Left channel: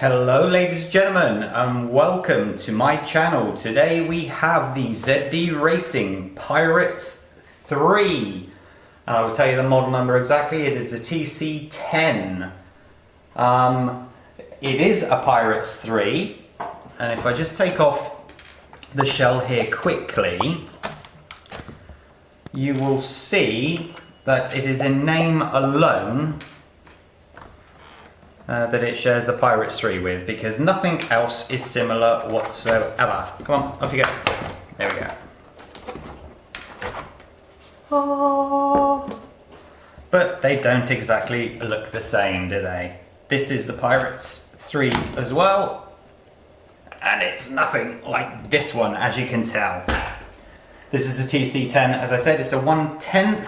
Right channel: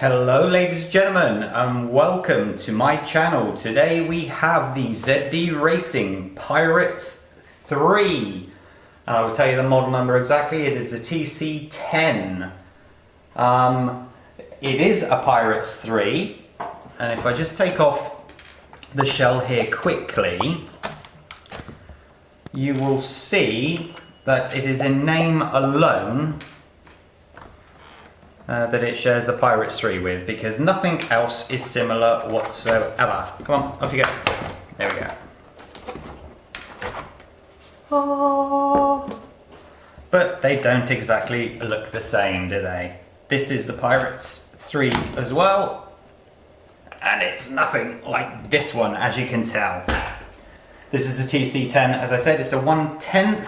Hello ladies and gentlemen, and welcome to my channel. Today we have the ZD Racing Pirates 3. And I will tell you the model number exactly. It is the TC-10. It is a Pirates 3. And if I just take off the shell here quickly, you will see that it is in name alone that it shares the Pirates 3 with, because nothing else is similar whatsoever. Come on, off you go. There we go. Oh. But they don't exactly look the same, do they? This is the Pirates 3 as well, and it's nothing like this one, as you can tell. This is the TC-10. As I said, it's a 1/10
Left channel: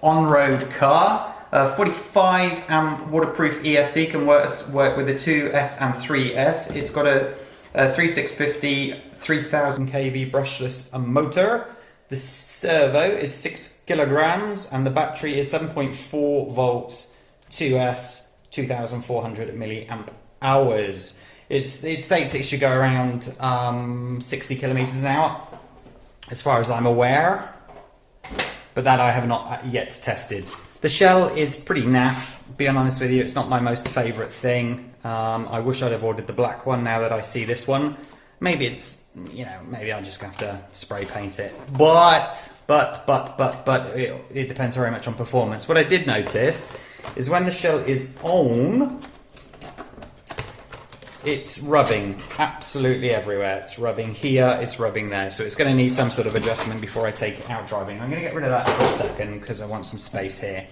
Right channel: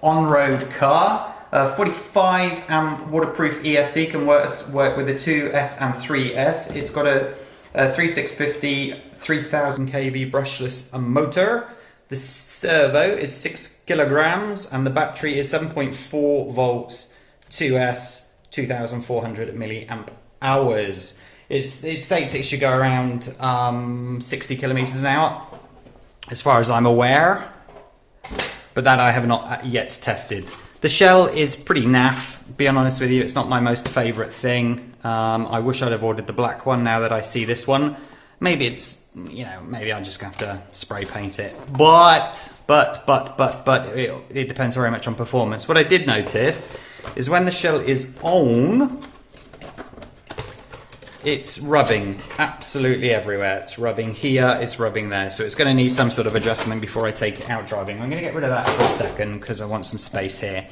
on-road car. 45 amp waterproof ESC, can work with the 2S and 3S. It's got a 3650 3000 kV brushless motor. The servo is 6 kilograms and the battery is 7.4 volts 2S 2400 milliamp hours. It states it should go around 60 kilometers an hour, as far as I'm aware, but that I have not yet tested. The shell is pretty naff, being honest with you. It's not my most favourite thing. I wish I'd have ordered the black one now that I see this one. Maybe it's, maybe I'm just going to have to spray paint it. But it depends very much on performance. What I did notice is when the shell is on, it's rubbing absolutely everywhere. It's rubbing here, it's rubbing there. So it's going to need some sort of adjustment before I take it out driving. I'm going to get rid of that for a second because I want some space here.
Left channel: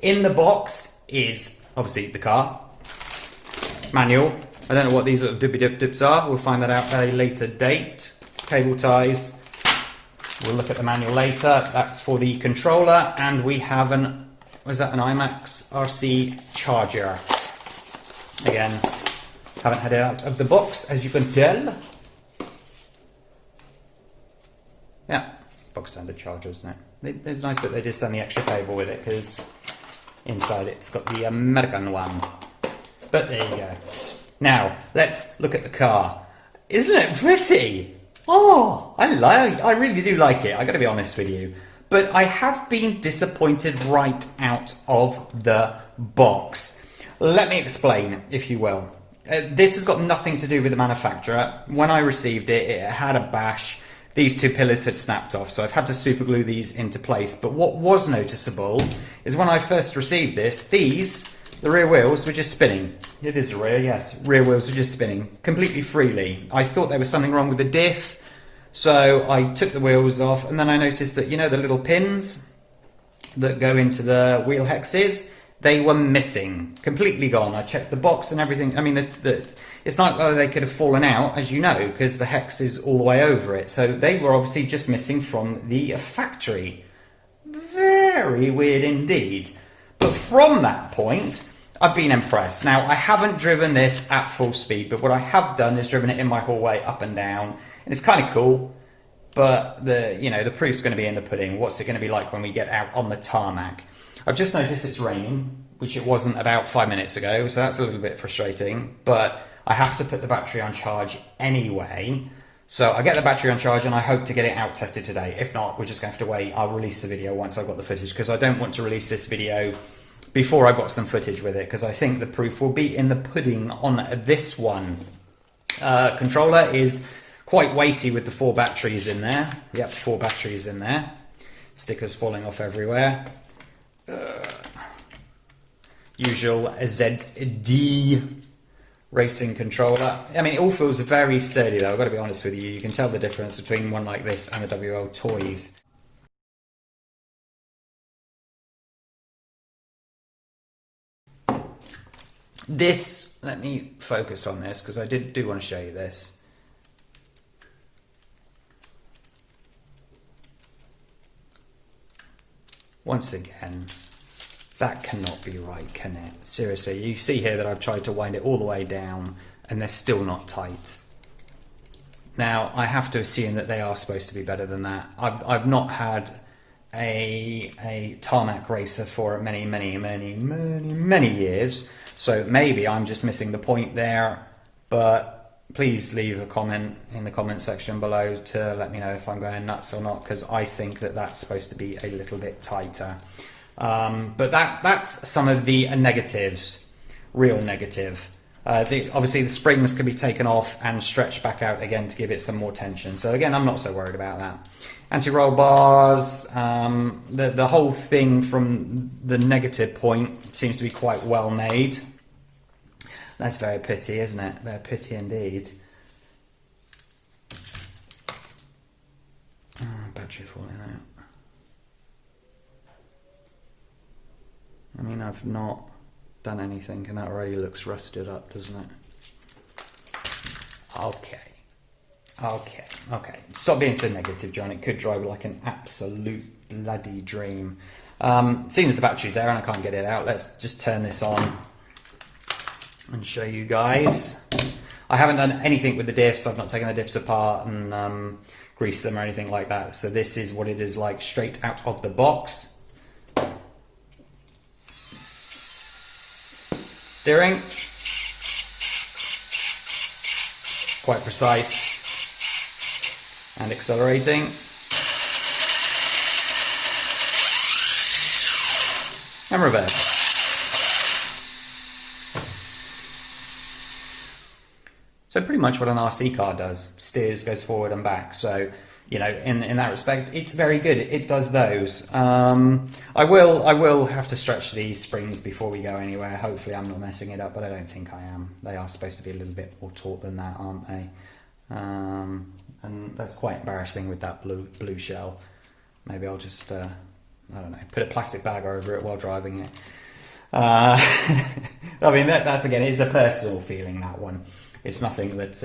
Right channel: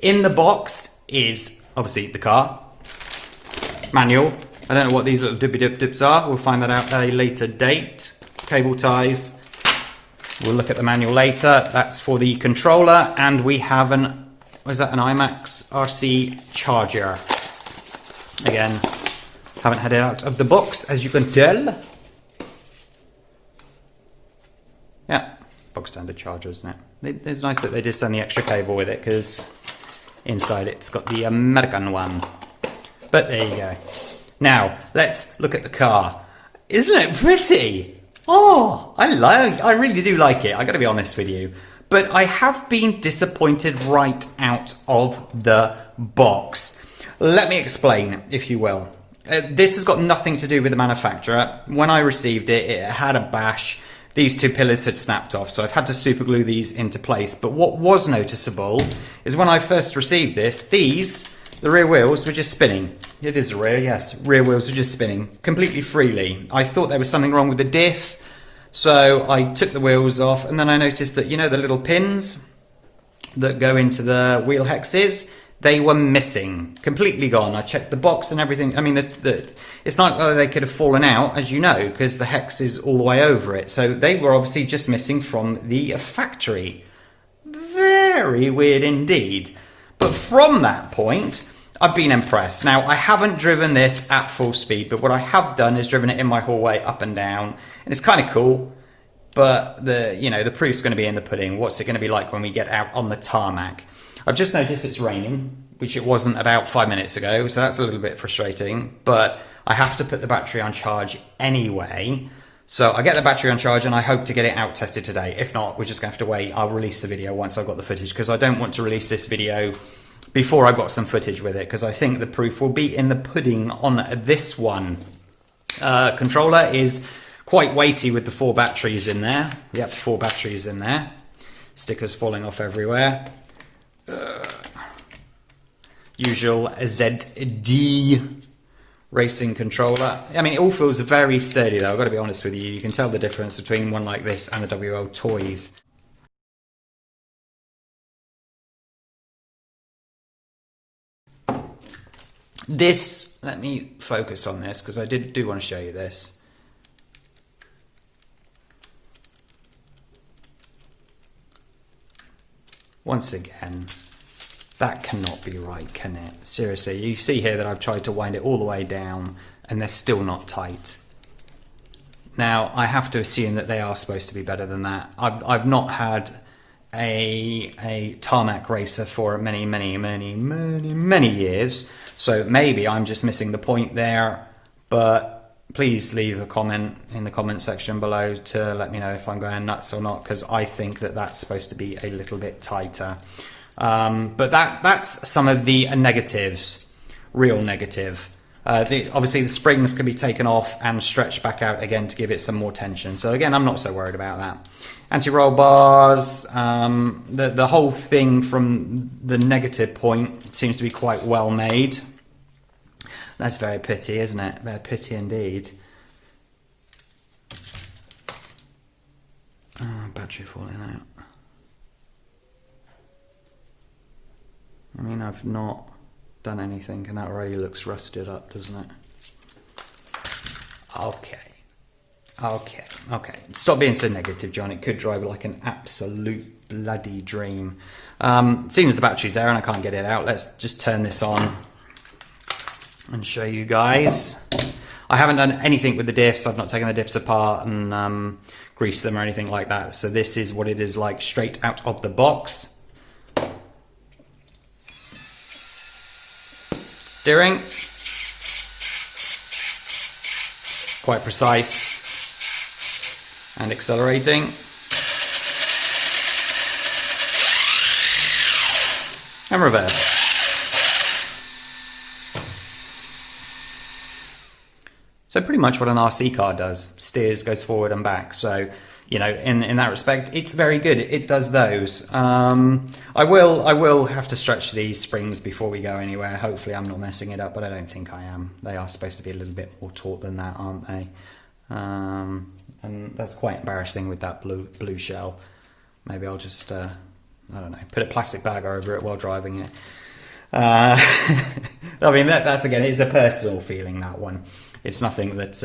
In the box is obviously the car, manual. I don't know what these little dips are. We'll find that out at a later date. Cable ties. We'll look at the manual later. That's for the controller. And we have an Imax Rc Charger. Again, haven't had it out of the box, as you can tell. Yeah, box standard charger, isn't it? It's nice that they did send the extra cable with it, because inside it's got the American one. But there you go. Now, let's look at the car. Isn't it pretty? Oh, I really do like it, I gotta be honest with you. But I have been disappointed right out of the box. Let me explain, if you will. This has got nothing to do with the manufacturer. When I received it, it had a bash. These two pillars had snapped off, so I've had to super glue these into place. But what was noticeable is when I first received this, the rear wheels were just spinning. It is rear, yes. Rear wheels were just spinning completely freely. I thought there was something wrong with the diff, so I took the wheels off, and then I noticed that, the little pins that go into the wheel hexes, they were missing, completely gone. I checked the box and everything. I mean, it's not like they could have fallen out, as you know, because the hex is all the way over it. So they were obviously just missing from the factory. Very weird indeed. But from that point, I've been impressed. Now, I haven't driven this at full speed, but what I have done is driven it in my hallway up and down. And it's kind of cool, but the proof's going to be in the pudding. What's it going to be like when we get out on the tarmac? I've just noticed it's raining, which it wasn't about 5 minutes ago, so that's a little bit frustrating, but I have to put the battery on charge anyway. So I get the battery on charge and I hope to get it out tested today. If not, we're just going to have to wait. I'll release the video once I've got the footage, because I don't want to release this video before I've got some footage with it, because I think the proof will be in the pudding on this one. Controller is quite weighty with the 4 batteries in there. Yep, 4 batteries in there. Stickers falling off everywhere. Usual ZD racing controller. I mean, it all feels very sturdy though, I've got to be honest with you. You can tell the difference between one like this and the WL Toys. This, let me focus on this, because I do want to show you this. Once again, that cannot be right, can it? Seriously, you see here that I've tried to wind it all the way down and they're still not tight. Now, I have to assume that they are supposed to be better than that. I've not had a Tarmac Racer for many years, so maybe I'm just missing the point there. but please leave a comment in the comment section below to let me know if I'm going nuts or not, because I think that that's supposed to be a little bit tighter. But that's some of the negatives, real negative. Obviously the springs can be taken off and stretched back out again to give it some more tension. So again, I'm not so worried about that. Anti-roll bars, the whole thing from the negative point seems to be quite well made. That's very pity, isn't it? Very pity indeed. Oh, battery falling out. I mean, I've not done anything and that already looks rusted up, doesn't it? Okay. Stop being so negative, John. It could drive like an absolute bloody dream. Seems the battery's there and I can't get it out. Let's just turn this on and show you guys. I haven't done anything with the diffs. I've not taken the diffs apart and greased them or anything like that. So this is what it is like straight out of the box. Steering, quite precise, and accelerating. And reverse. So pretty much what an RC car does, steers, goes forward and back. So, you know, in that respect, it's very good. It does those. I will have to stretch these springs before we go anywhere. Hopefully I'm not messing it up, but I don't think I am. They are supposed to be a little bit more taut than that, aren't they? And that's quite embarrassing with that blue shell. Maybe I'll just, I don't know, put a plastic bag over it while driving it. I mean, that's again, it's a personal feeling, that one. It's nothing that,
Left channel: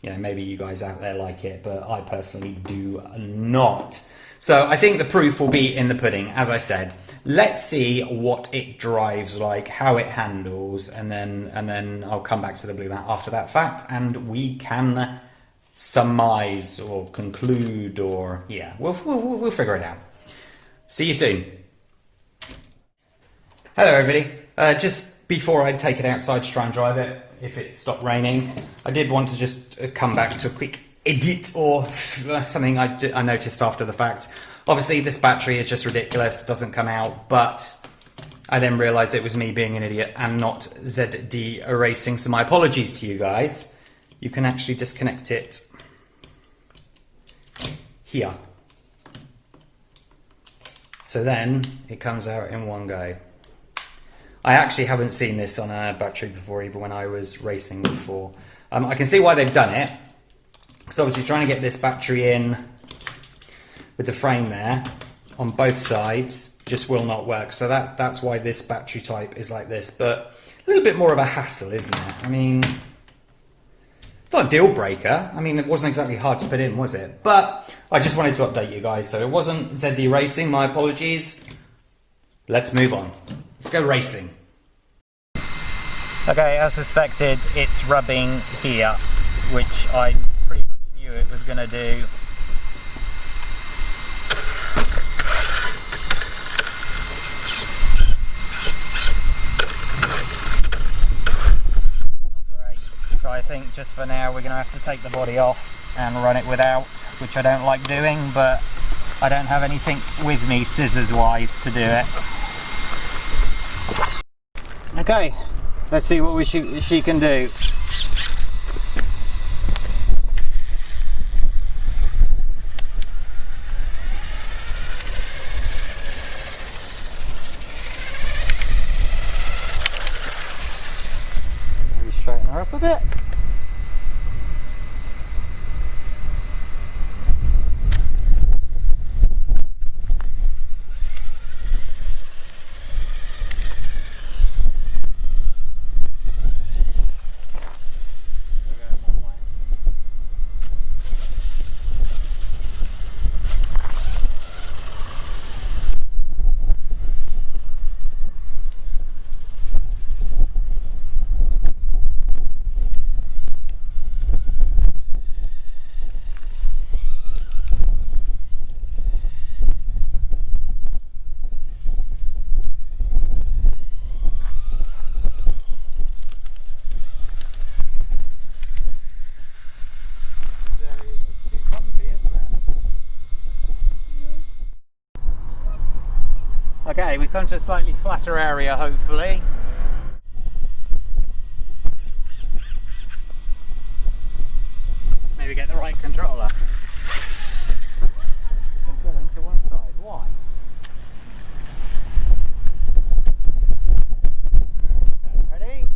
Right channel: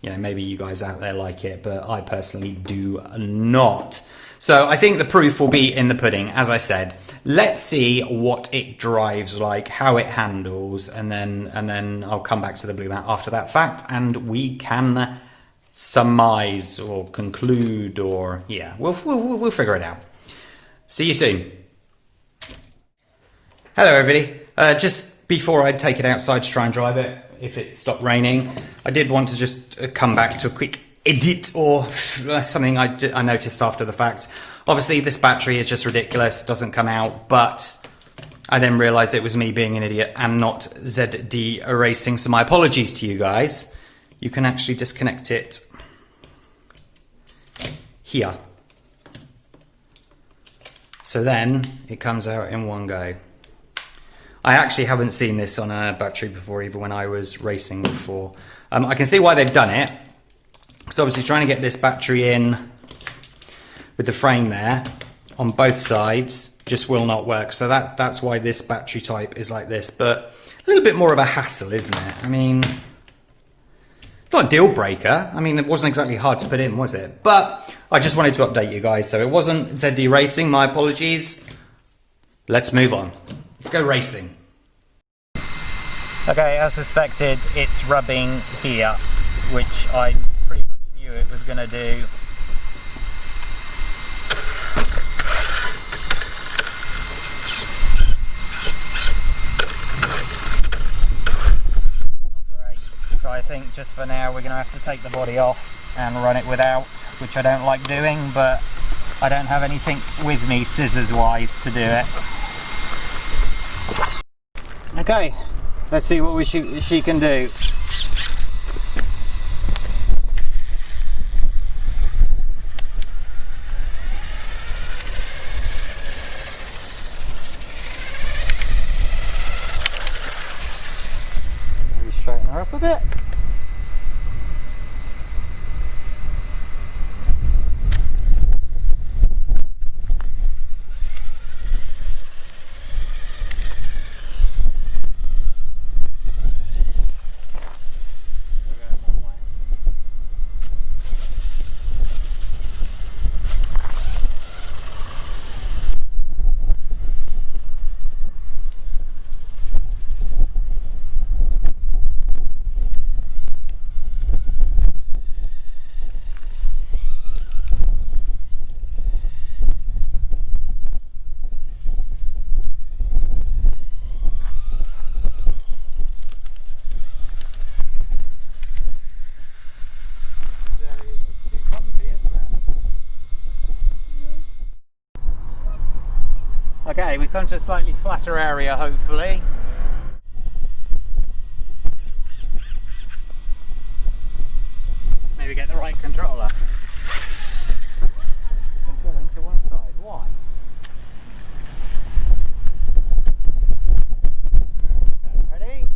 you know, maybe you guys out there like it, but I personally do not. So I think the proof will be in the pudding, as I said. Let's see what it drives like, how it handles, and then I'll come back to the blue mat after that fact, and we can surmise or conclude, or yeah, we'll figure it out. See you soon. Hello everybody. Just before I take it outside to try and drive it, if it stopped raining, I did want to just come back to a quick edit or something I noticed after the fact. Obviously this battery is just ridiculous, doesn't come out, but I then realised it was me being an idiot and not ZD erasing, so my apologies to you guys. You can actually disconnect it here. So then it comes out in one go. I actually haven't seen this on a battery before, even when I was racing before. I can see why they've done it. So obviously trying to get this battery in with the frame there on both sides just will not work. So that's why this battery type is like this, but a little bit more of a hassle, isn't it? I mean, not a deal breaker. I mean, it wasn't exactly hard to put in, was it? But I just wanted to update you guys. So it wasn't ZD Racing, my apologies. Let's move on. Let's go racing. Okay, as suspected, it's rubbing here, which I pretty much knew it was going to do. Not great. So I think just for now we're going to have to take the body off and run it without, which I don't like doing, but I don't have anything with me scissors wise to do it. Okay, let's see what she can do. Maybe straighten her up a bit. Okay, we've come to a slightly flatter area, hopefully. Maybe get the right controller. Still going to one side, why? Okay, ready?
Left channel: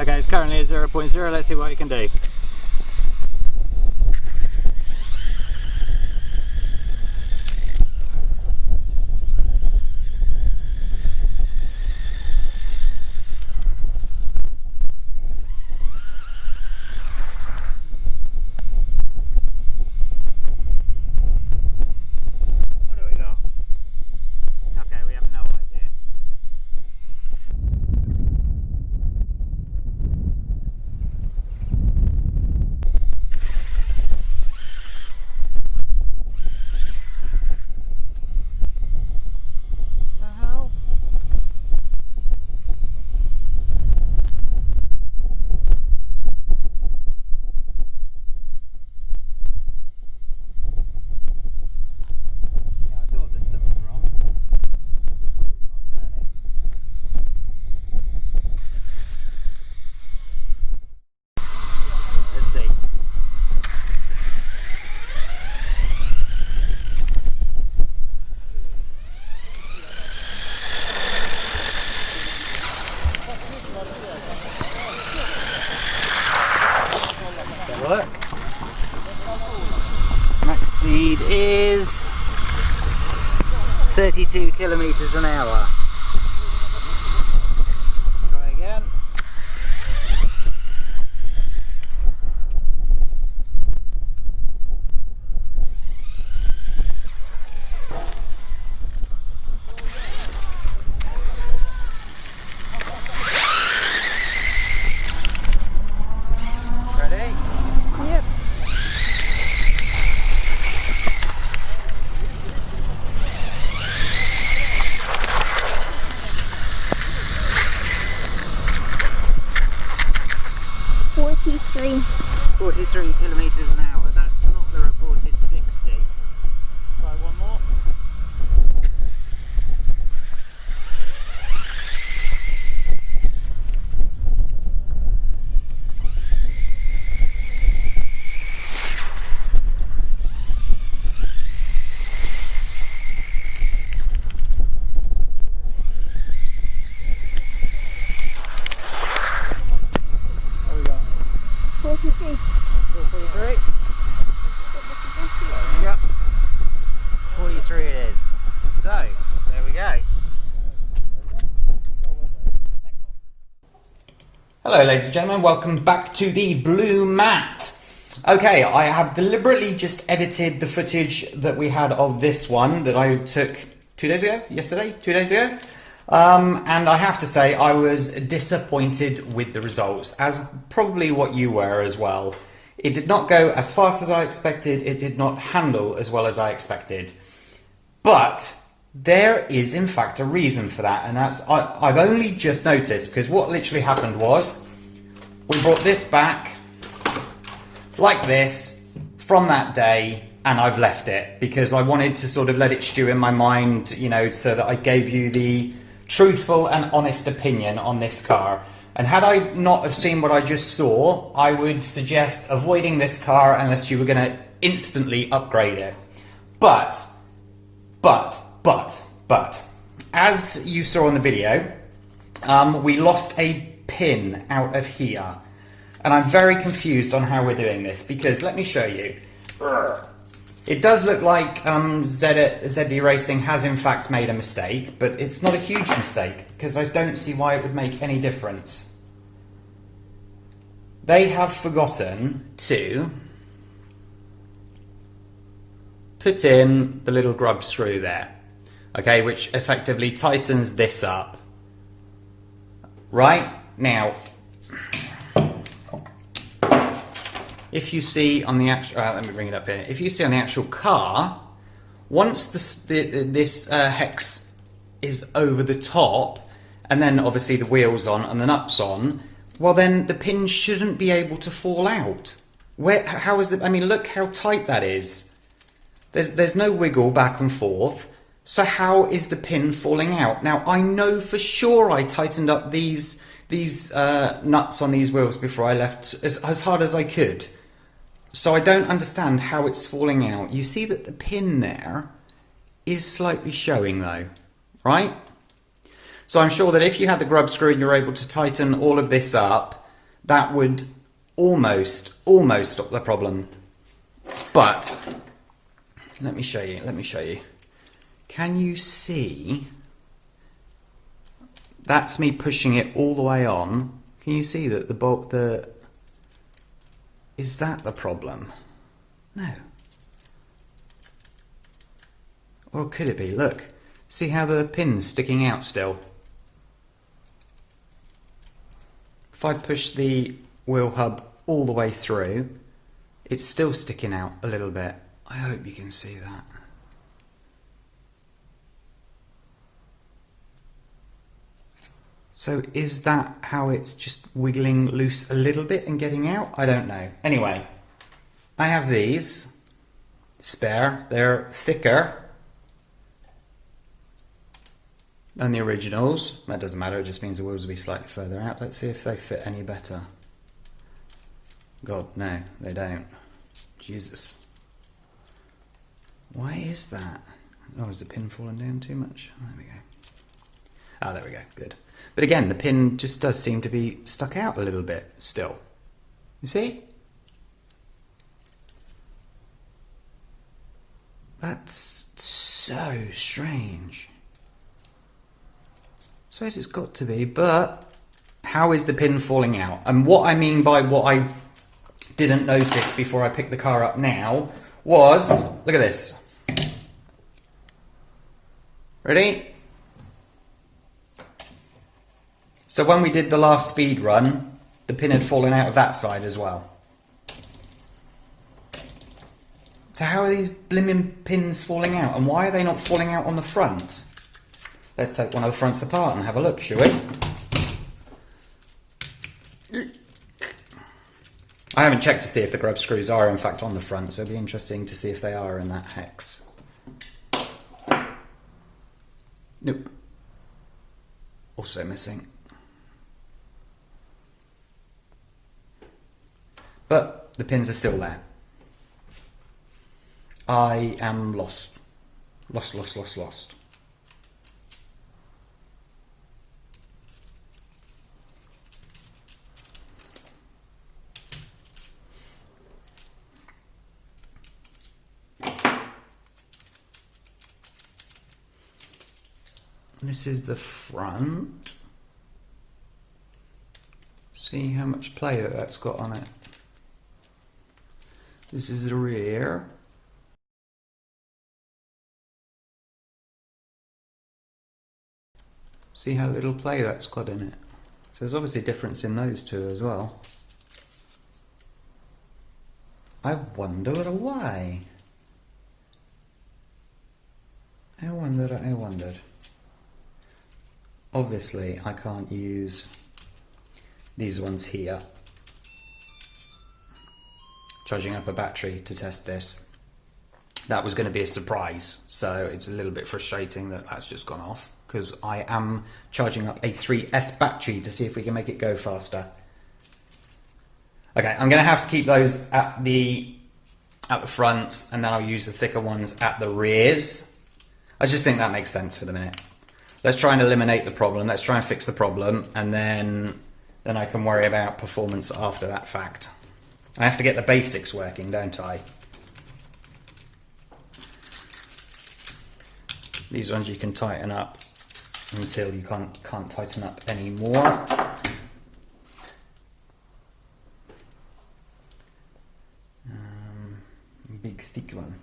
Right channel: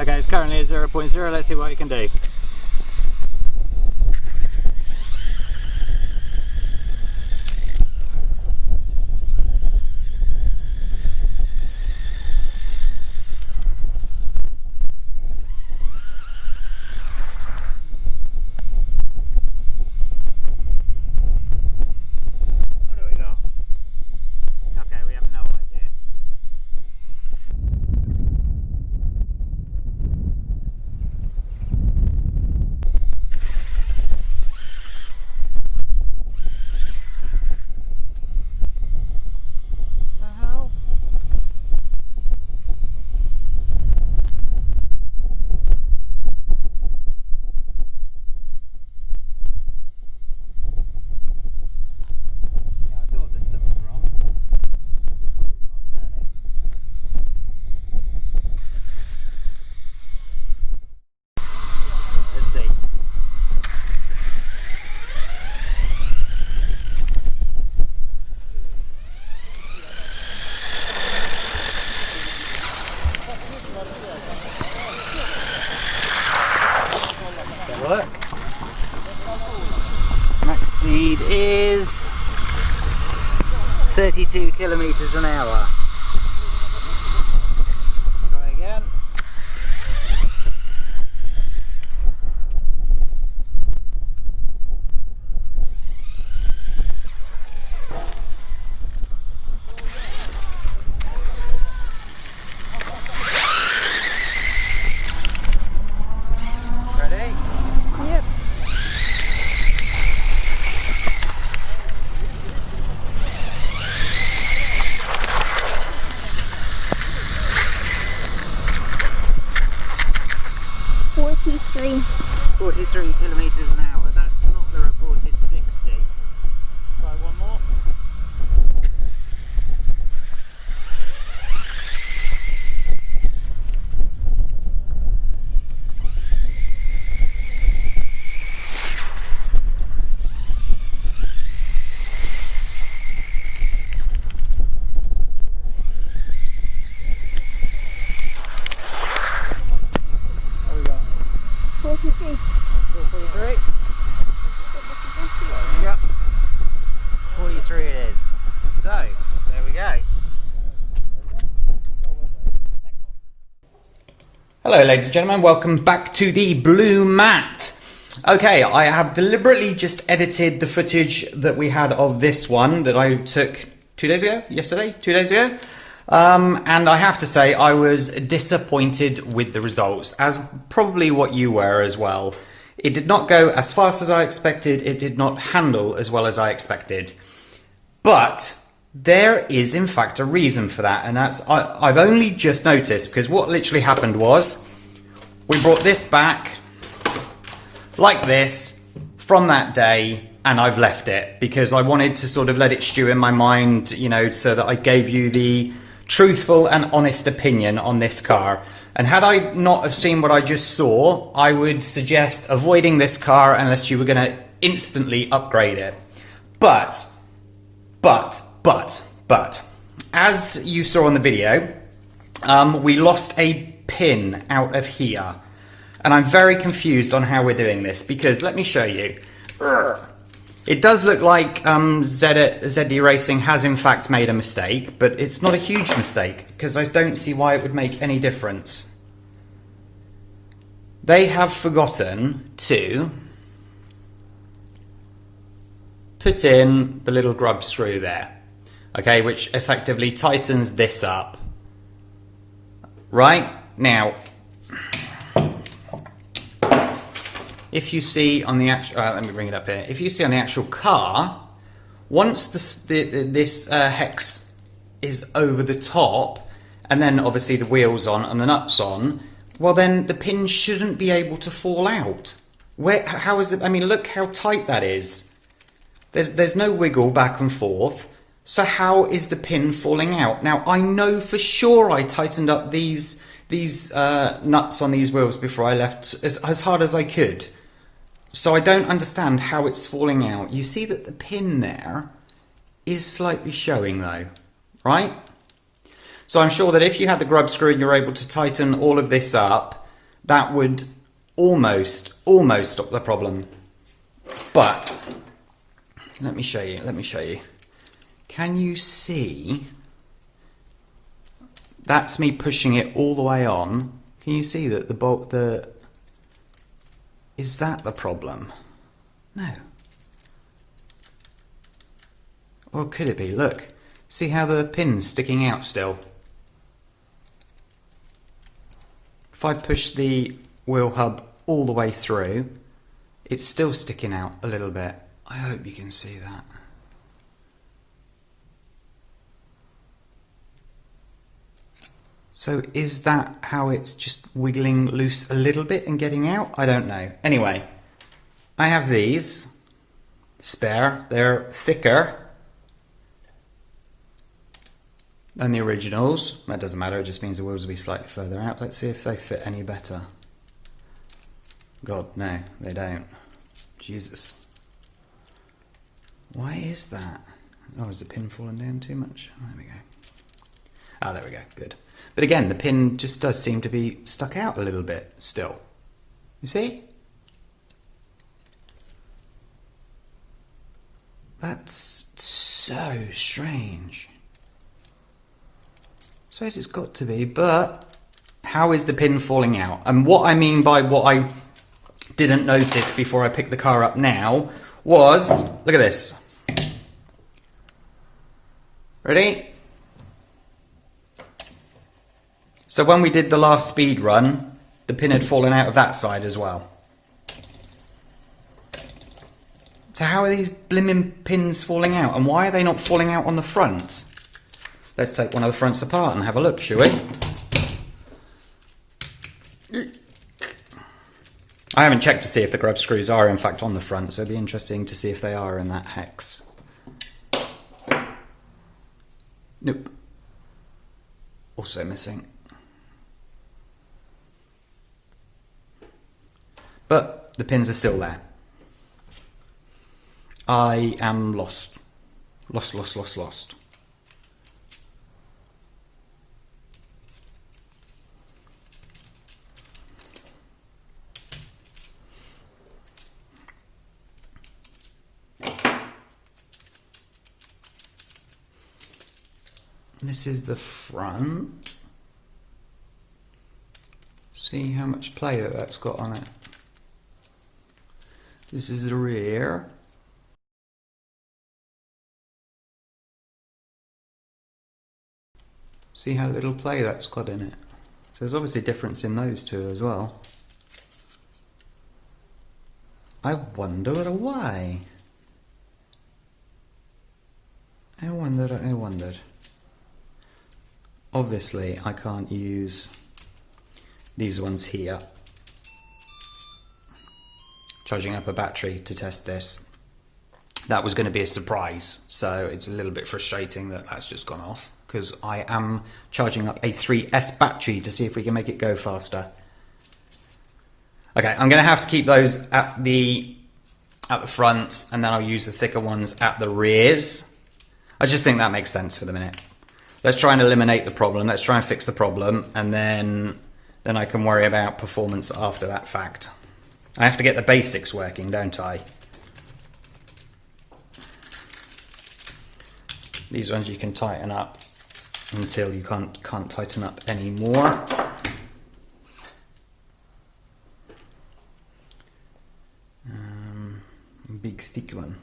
Okay, it's currently at 0.0, let's see what it can do. What do we got? Okay, we have no idea. Look. Max speed is 32 kilometers an hour. Try again. Hello ladies and gentlemen, welcome back to the Blue Mat. Okay, I have deliberately just edited the footage that we had of this one that I took 2 days ago, yesterday, 2 days ago. And I have to say I was disappointed with the results, as probably what you were as well. It did not go as fast as I expected, it did not handle as well as I expected. But there is in fact a reason for that, and that's I've only just noticed, because what literally happened was we brought this back like this from that day, and I've left it because I wanted to sort of let it stew in my mind, you know, so that I gave you the truthful and honest opinion on this car. And had I not have seen what I just saw, I would suggest avoiding this car unless you were going to instantly upgrade it. But, as you saw on the video, we lost a pin out of here. And I'm very confused on how we're doing this, because let me show you. It does look like ZD Racing has in fact made a mistake, but it's not a huge mistake, because I don't see why it would make any difference. They have forgotten to put in the little grub screw there. Okay, which effectively tightens this up. Right? Now, if you see on the actual, let me bring it up here. If you see on the actual car, once this hex is over the top, and then obviously the wheels on and the nuts on, well then the pin shouldn't be able to fall out. How is it? I mean, look how tight that is. There's no wiggle back and forth. So how is the pin falling out? Now, I know for sure I tightened up these nuts on these wheels before I left as hard as I could. So I don't understand how it's falling out. You see that the pin there is slightly showing though, right? So I'm sure that if you had the grub screw and you're able to tighten all of this up, that would almost stop the problem. But let me show you. Can you see? That's me pushing it all the way on. Can you see that is that the problem? No. Or could it be? Look, see how the pin's sticking out still? If I push the wheel hub all the way through, it's still sticking out a little bit. I hope you can see that. So is that how it's just wiggling loose a little bit and getting out? I don't know. Anyway, I have these spare. They're thicker than the originals. That doesn't matter, it just means the wheels will be slightly further out. Let's see if they fit any better. God, no, they don't. Jesus. Why is that? Oh, is the pin falling down too much? There we go. Ah, there we go, good. But again, the pin just does seem to be stuck out a little bit still. You see? That's so strange. I suppose it's got to be, but how is the pin falling out? And what I mean by what I didn't notice before I picked the car up now was, look at this. Ready? So when we did the last speed run, the pin had fallen out of that side as well. So how are these blimmin' pins falling out? And why are they not falling out on the front? Let's take one of the fronts apart and have a look, shall we? I haven't checked to see if the grub screws are in fact on the front, so it'd be interesting to see if they are in that hex. Nope. Also missing. But the pins are still there. I am lost. Lost. This is the front. See how much play that's got on it. This is the rear. See how little play that's got in it. So there's obviously a difference in those two as well. I wonder why. I wondered. Obviously I can't use these ones here. Charging up a battery to test this. That was going to be a surprise, so it's a little bit frustrating that that's just gone off, because I am charging up a 3S battery to see if we can make it go faster. Okay, I'm going to have to keep those at the fronts, and then I'll use the thicker ones at the rears. I just think that makes sense for the minute. Let's try and eliminate the problem. Let's try and fix the problem, and then I can worry about performance after that fact. I have to get the basics working, don't I? These ones you can tighten up until you can't tighten up anymore. Big thick one.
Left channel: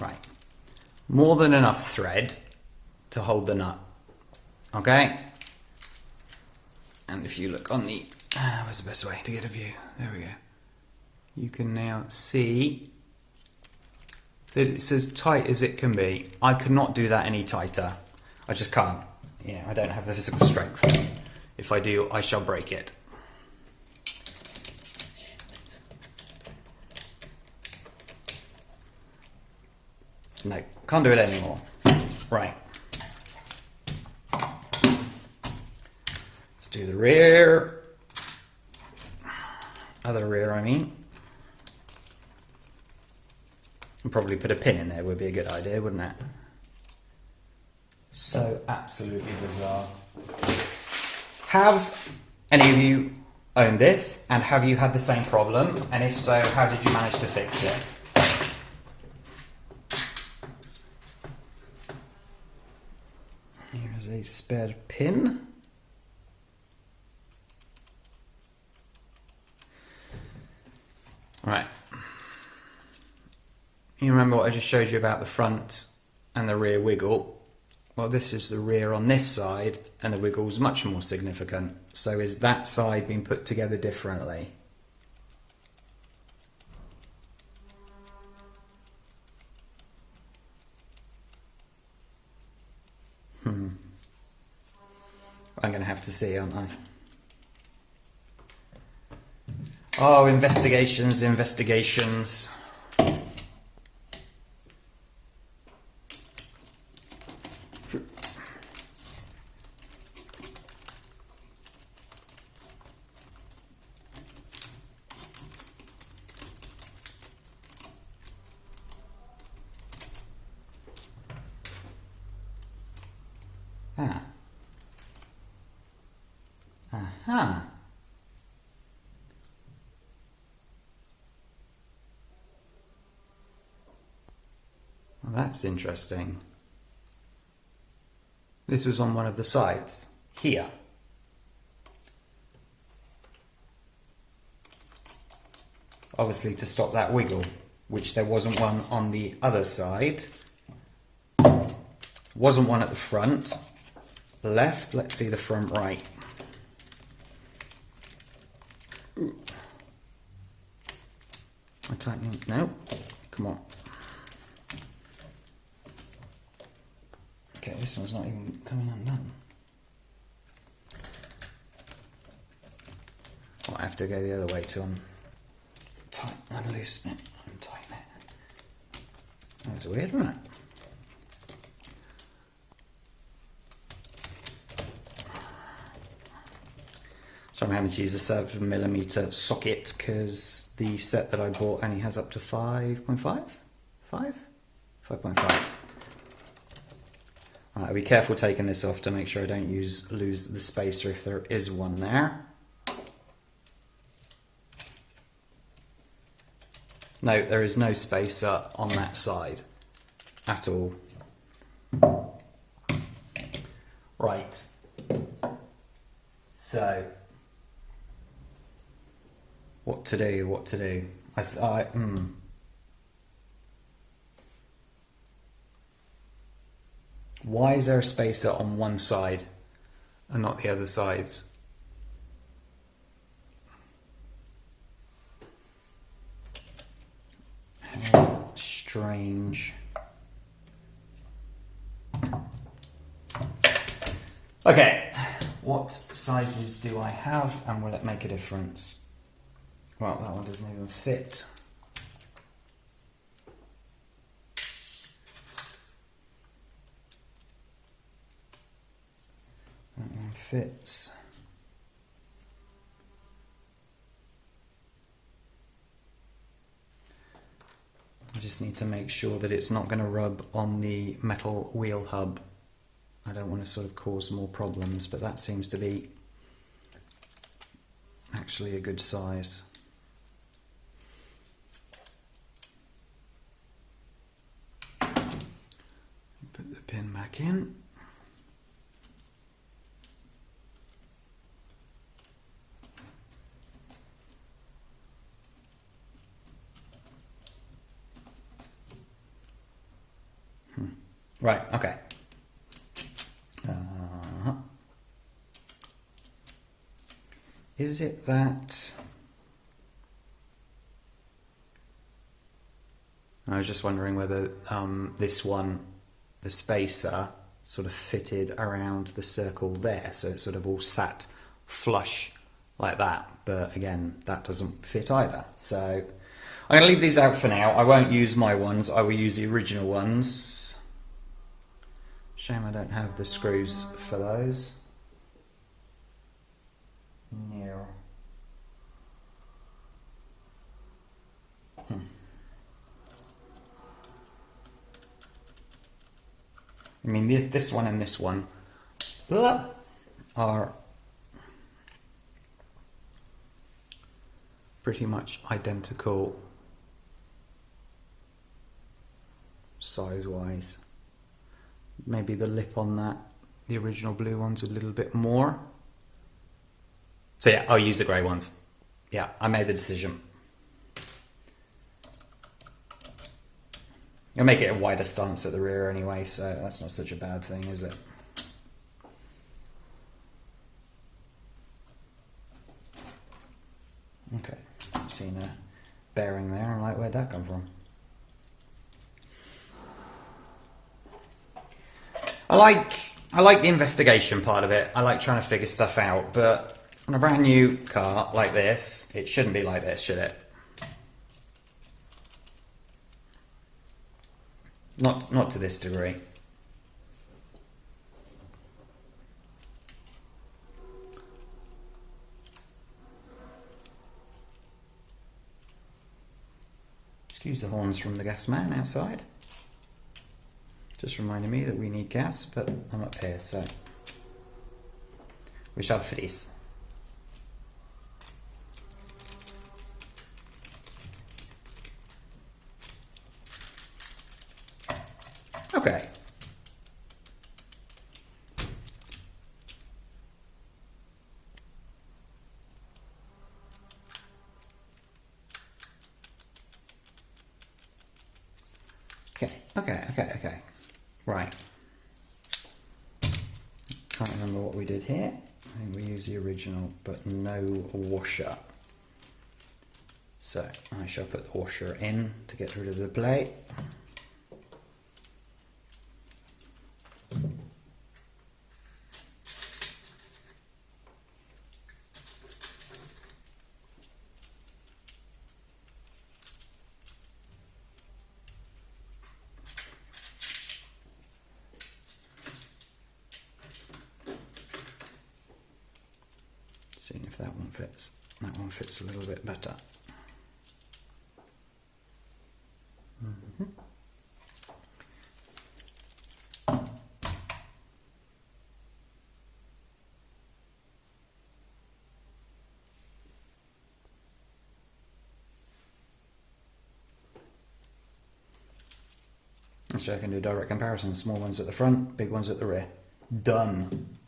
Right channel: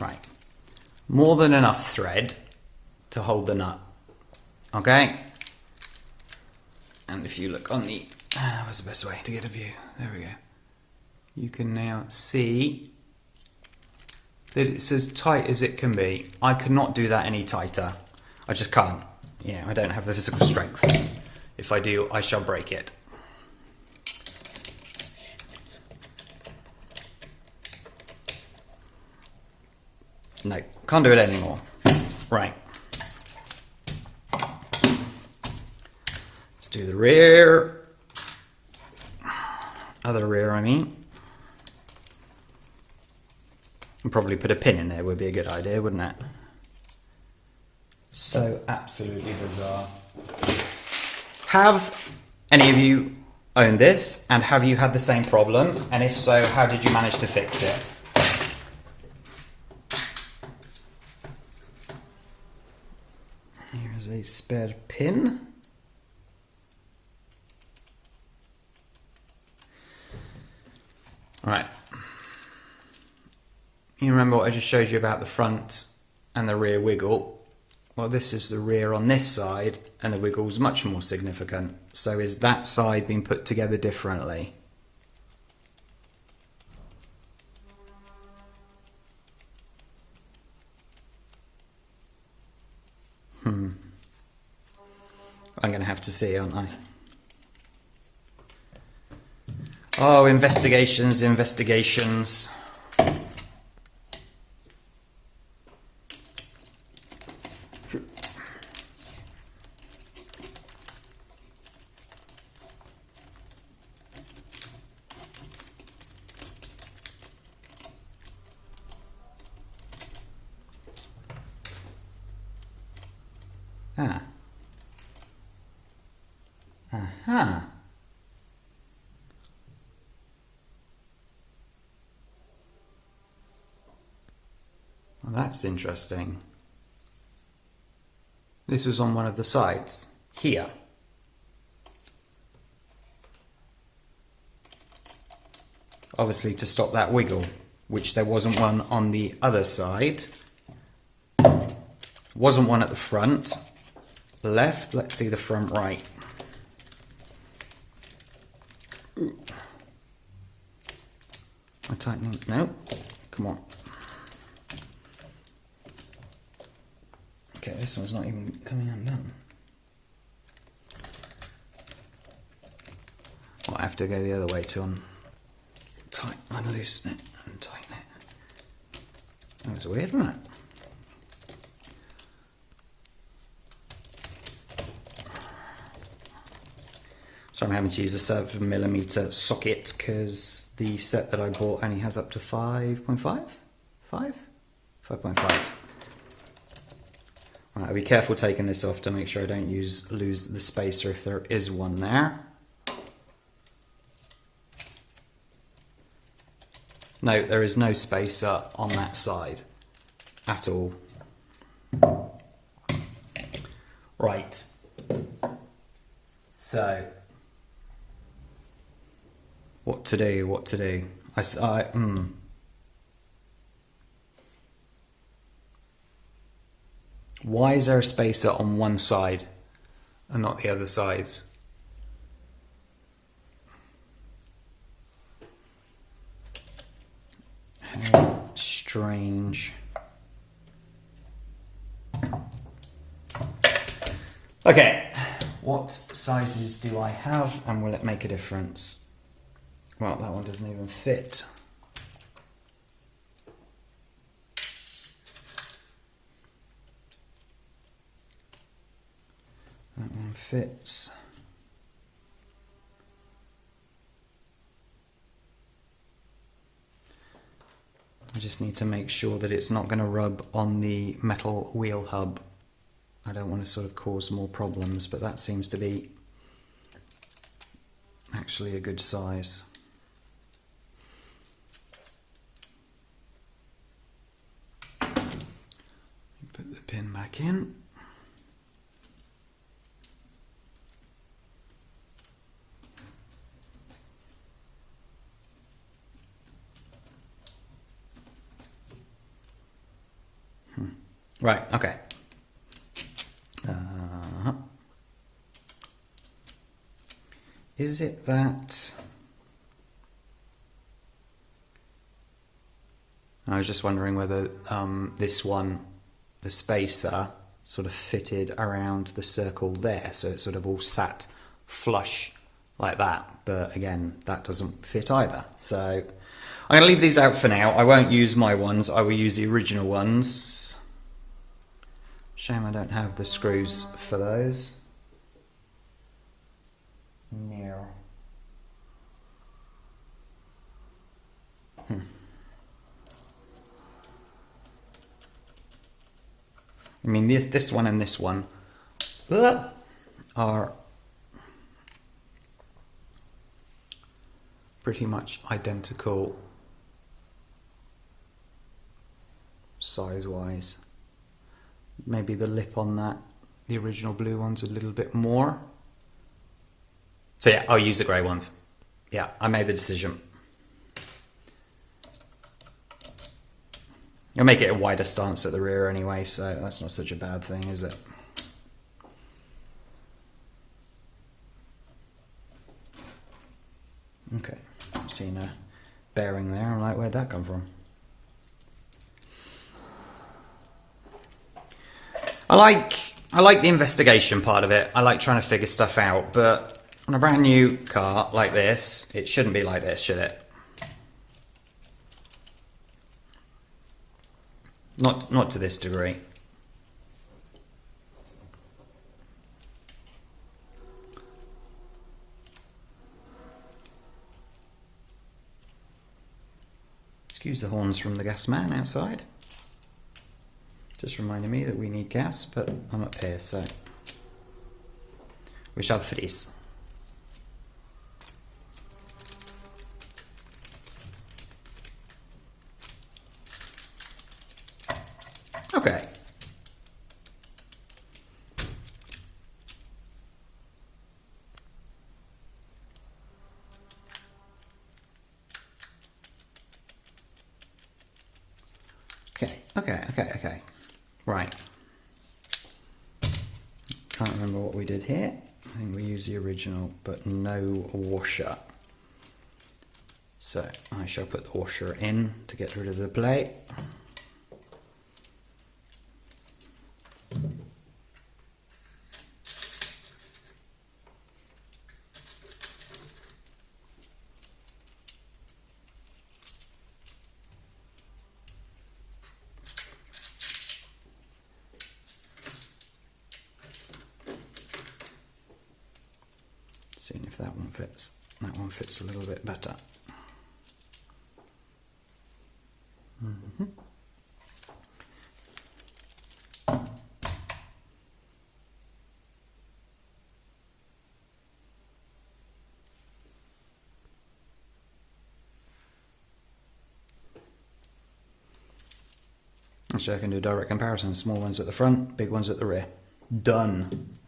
Right, more than enough thread to hold the nut, okay? And if you look on the, where's the best way to get a view? There we go. You can now see that it's as tight as it can be. I could not do that any tighter. I just can't. You know, I don't have the physical strength. If I do, I shall break it. No, can't do it anymore. Right. Let's do the rear. Other rear, I mean. And probably put a pin in there would be a good idea, wouldn't it? So absolutely bizarre. Have any of you owned this, and have you had the same problem? And if so, how did you manage to fix it? Here's a spare pin. Right. You remember what I just showed you about the front and the rear wiggle? Well, this is the rear on this side, and the wiggle's much more significant. So is that side being put together differently? I'm going to have to see, aren't I? Oh, investigations. Aha. Well, that's interesting. This was on one of the sides, here. Obviously to stop that wiggle, which there wasn't one on the other side. Wasn't one at the front. Left, let's see the front right. Ooh. I tighten it, no, come on. Okay, this one's not even coming undone. I'll have to go the other way to unloosen it and tighten it. That's weird, isn't it? So I'm having to use a 7mm socket because the set that I bought only has up to 5.5? 5.5. Right, I'll be careful taking this off to make sure I don't lose the spacer if there is one there. No, there is no spacer on that side at all. Right. So, what to do? What to do? Why is there a spacer on one side and not the other sides? How strange. Okay, what sizes do I have and will it make a difference? Well, that one doesn't even fit. That one fits. I just need to make sure that it's not going to rub on the metal wheel hub. I don't want to sort of cause more problems, but that seems to be actually a good size. Put the pin back in. Right, okay. Is it that... I was just wondering whether this one, the spacer, sort of fitted around the circle there, so it sort of all sat flush like that. But again, that doesn't fit either. So I'm going to leave these out for now. I won't use my ones, I will use the original ones. Shame I don't have the screws for those. No. I mean, this one and this one are pretty much identical size-wise. Maybe the lip on that, the original blue one's a little bit more. So yeah, I'll use the grey ones. Yeah, I made the decision. I'll make it a wider stance at the rear anyway, so that's not such a bad thing, is it? Okay, I've seen a bearing there. I'm like, where'd that come from? I like the investigation part of it. I like trying to figure stuff out, but on a brand new car like this, it shouldn't be like this, should it? Not to this degree. Excuse the horns from the gas man outside. Just reminding me that we need gas, but I'm up here, so we shall for this. Okay. Okay. Right. Can't remember what we did here. I think we used the original, but no washer. So I shall put the washer in to get rid of the plate. Seeing if that one fits. That one fits a little bit better. So I can do a direct comparison. Small ones at the front, big ones at the rear. Done.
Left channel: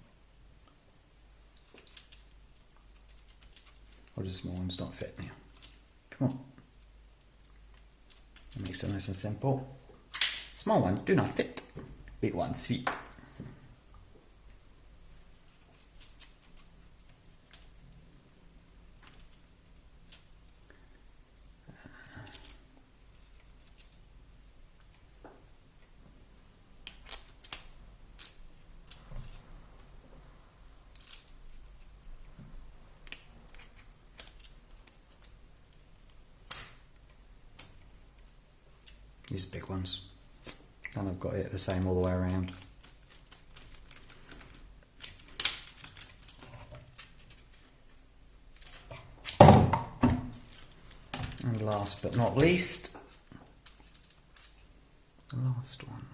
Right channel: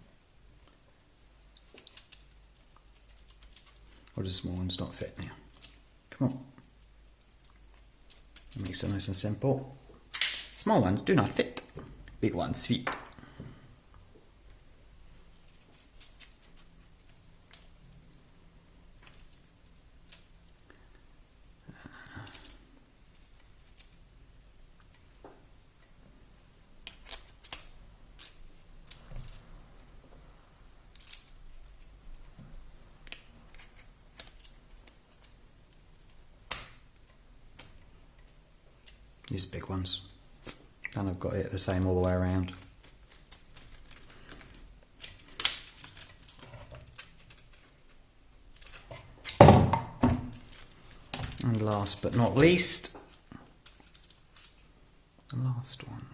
Or does small ones not fit now? Come on. That makes it nice and simple. Small ones do not fit. Big ones fit. These big ones. And I've got it the same all the way around. And last but not least, the last one.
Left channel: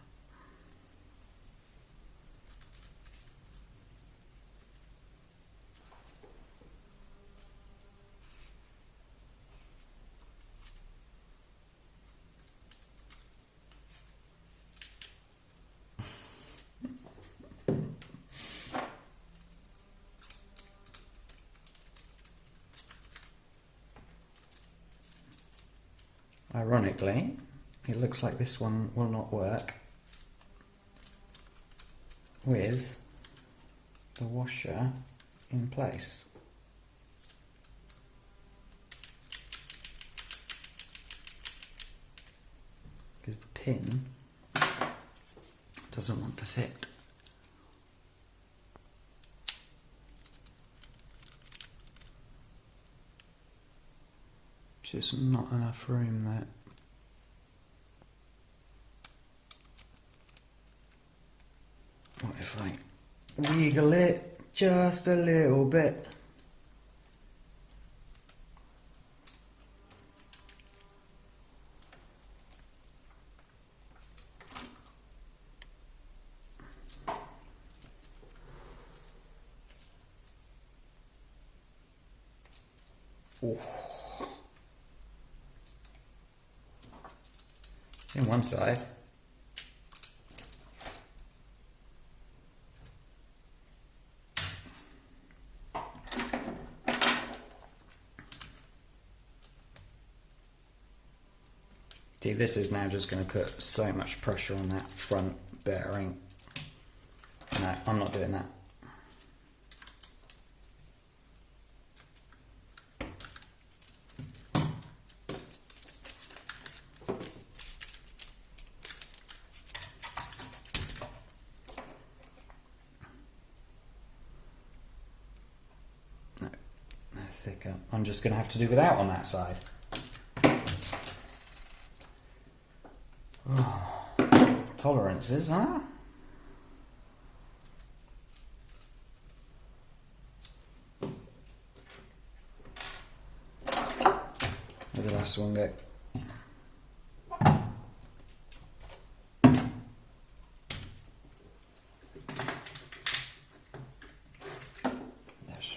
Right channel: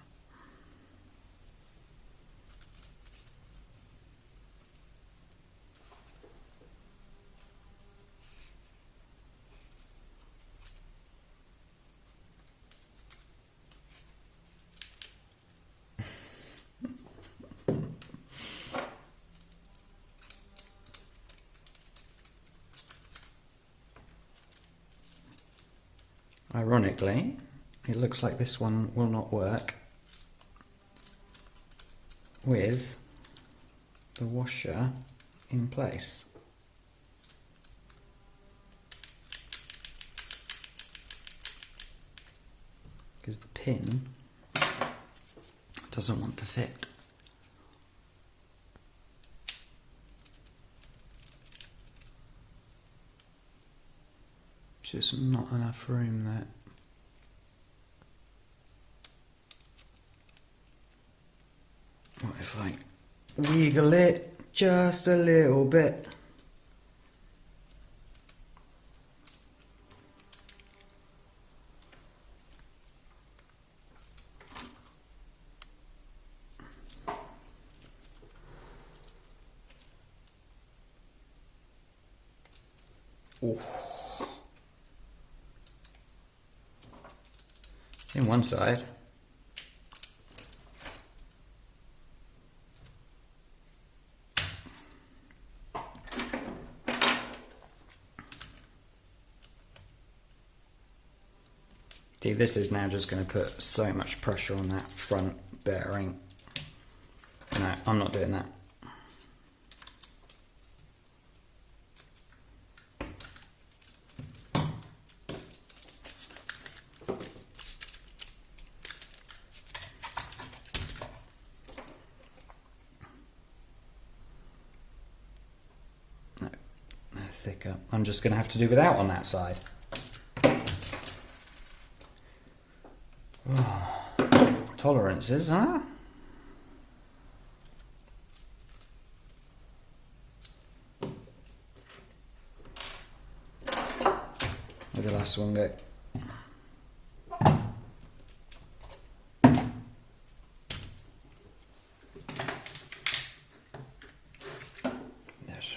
Ironically, it looks like this one will not work with the washer in place. Because the pin doesn't want to fit. Just not enough room there. What if I wiggle it just a little bit? Ooh. In one side. See, this is now just going to put so much pressure on that front bearing. No, I'm not doing that. No, thicker. I'm just going to have to do without on that side. Tolerances, huh? Where'd the last one go? Yes.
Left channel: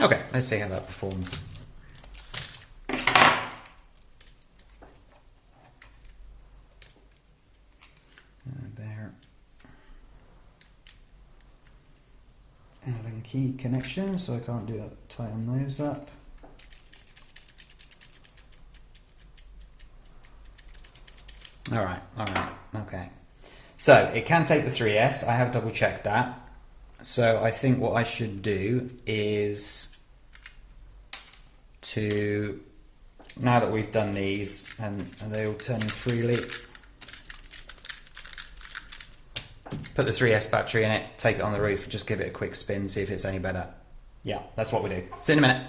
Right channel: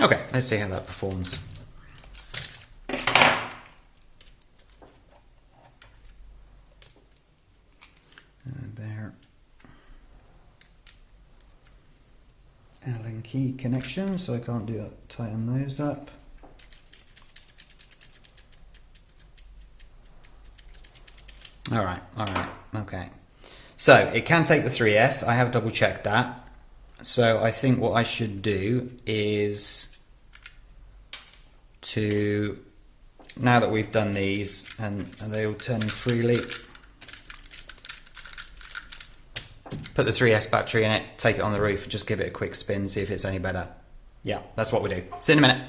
Okay, let's see how that performs. And there. Allen key connection, so I can't tighten those up. Alright, okay. So, it can take the 3S, I have double checked that. So I think what I should do is to now that we've done these and they all turn freely, put the 3S battery in it, take it on the roof and just give it a quick spin, see if it's any better. Yeah, that's what we do. See you in a minute.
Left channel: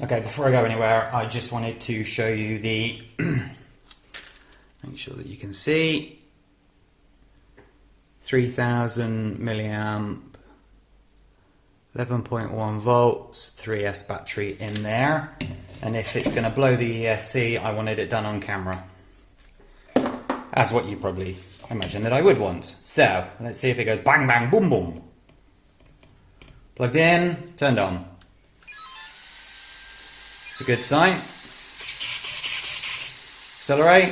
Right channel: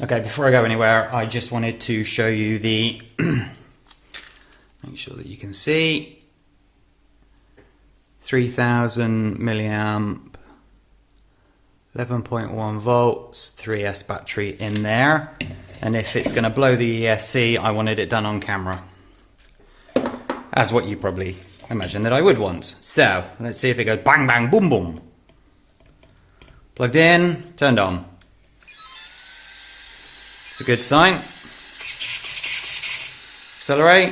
Okay, before I go anywhere, I just wanted to show you the, make sure that you can see, 3000 milliamp, 11.1 volts, 3S battery in there. And if it's going to blow the ESC, I wanted it done on camera. As what you probably imagine that I would want. So, let's see if it goes bang, bang, boom, boom. Plugged in, turned on. It's a good sign. Accelerate.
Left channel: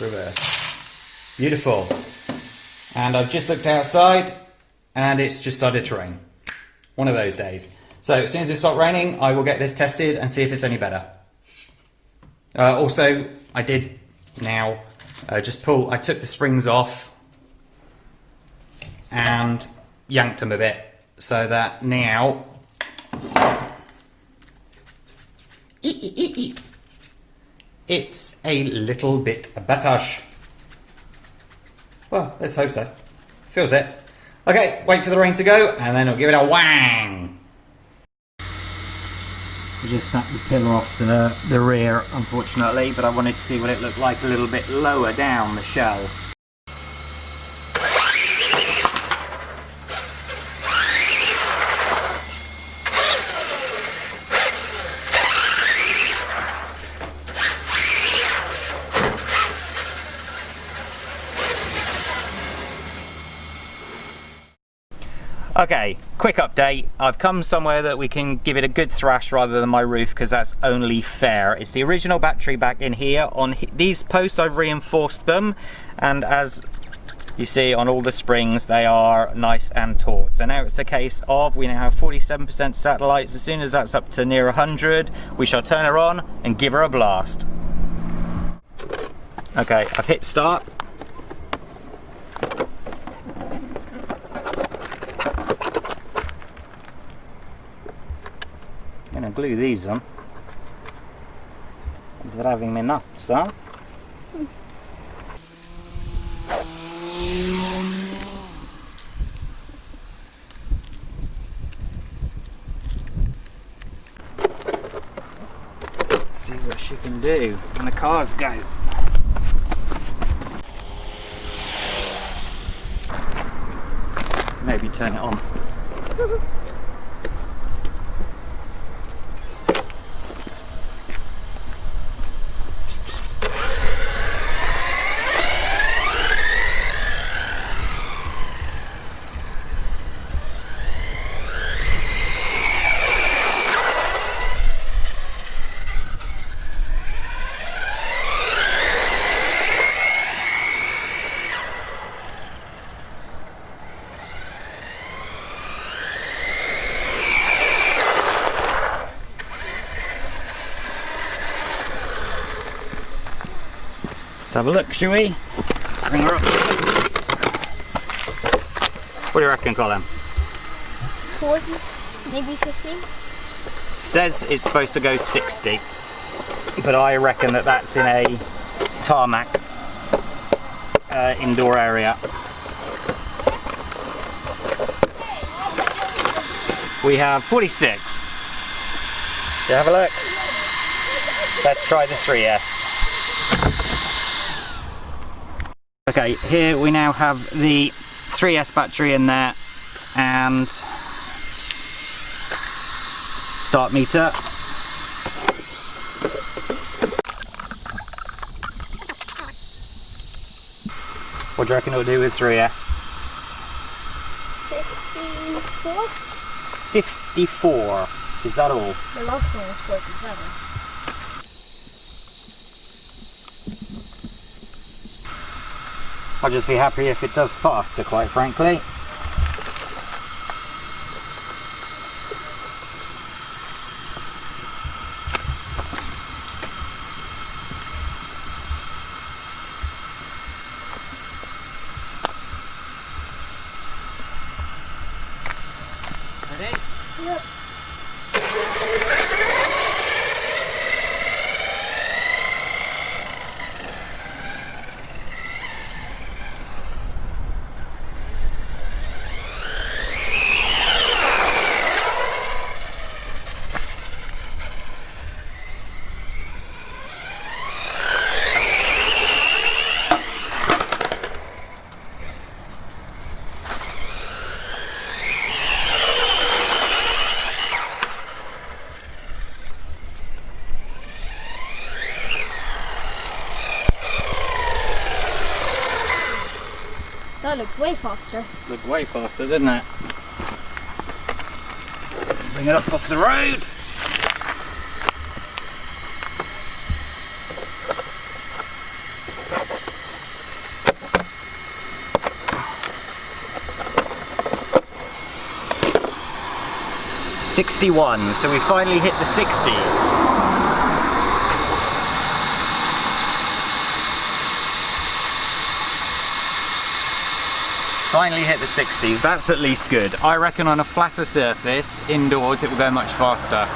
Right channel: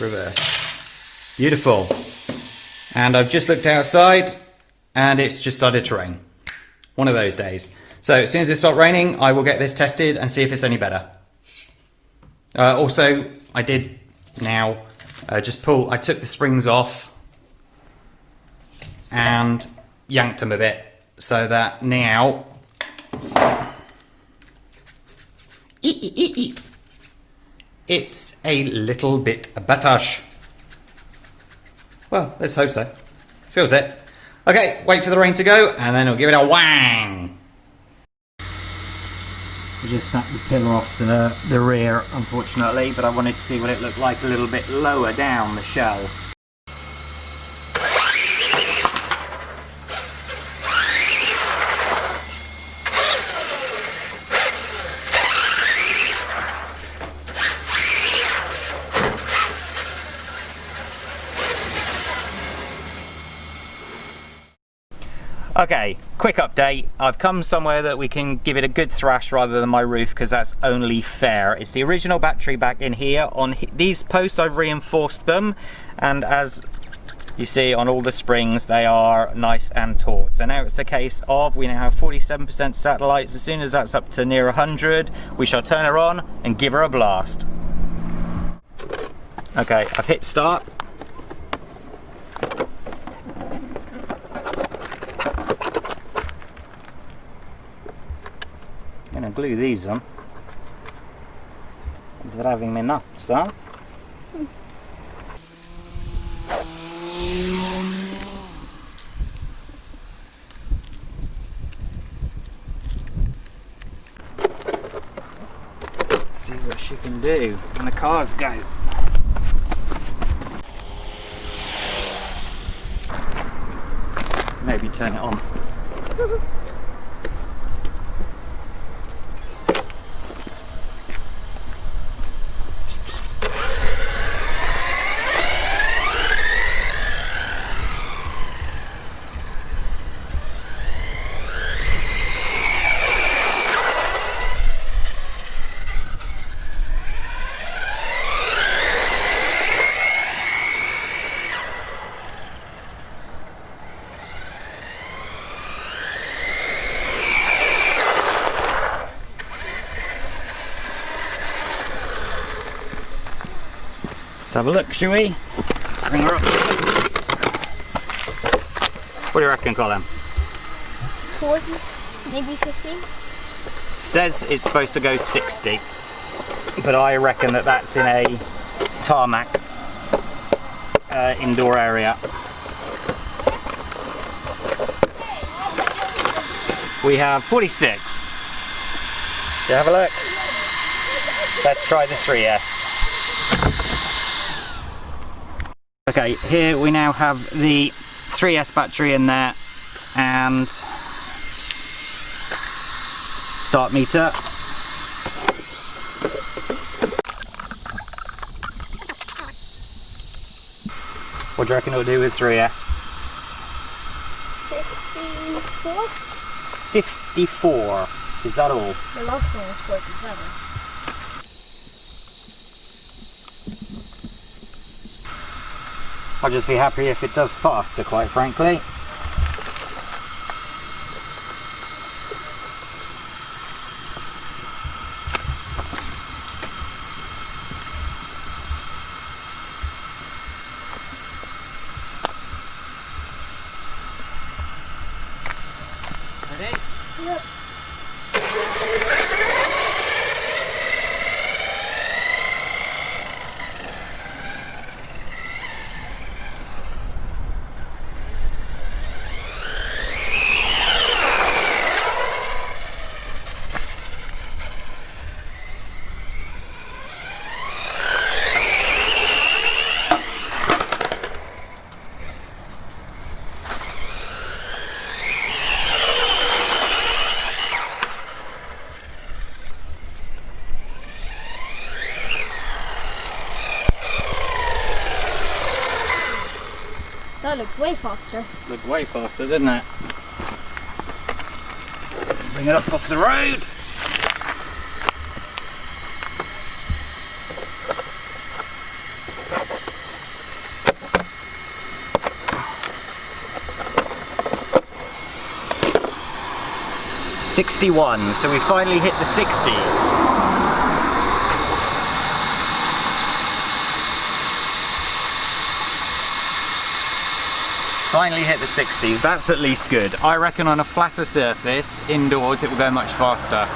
Reverse. Beautiful. And I've just looked outside and it's just started to rain. One of those days. So as soon as it stops raining, I will get this tested and see if it's any better. Also, I did now I took the springs off and yanked them a bit so that now it's a little bit better. Well, let's hope so. Feels it. Okay, wait for the rain to go and then we'll give it a whang. I just snapped the pillar off the rear, unfortunately, but I wanted to see what it looked like a little bit lower down the shell. Okay, quick update. I've come somewhere that we can give it a good thrash rather than my roof, because that's only fair. It's the original battery back in here. On these posts I've reinforced them, and as you see on all the springs they are nice and taut. So now it's a case of, we now have 47% satellites. As soon as that's up to near 100, we shall turn her on and give her a blast. Okay, I've hit start. I'm going to glue these on. They're having me nuts, huh? Let's see what she can do when the cars go. Maybe turn it on. Let's have a look, shall we? Bring her up. What do you reckon, Colin? 40s, maybe 50? Says it's supposed to go 60, but I reckon that that's in a tarmac indoor area. We have 46. Do you have a look? Let's try the 3S. Okay, here we now have the 3S battery in there and start meter. What do you reckon it'll do with 3S? 54? 54. Is that all? The last one was 47. I'll just be happy if it does faster, quite frankly. Ready? Yep. That looks way faster. Looked way faster, didn't it? Bring it up off the road. $61, so we finally hit the 60s. Finally hit the 60s, that's at least good. I reckon on a flatter surface, indoors, it will go much faster.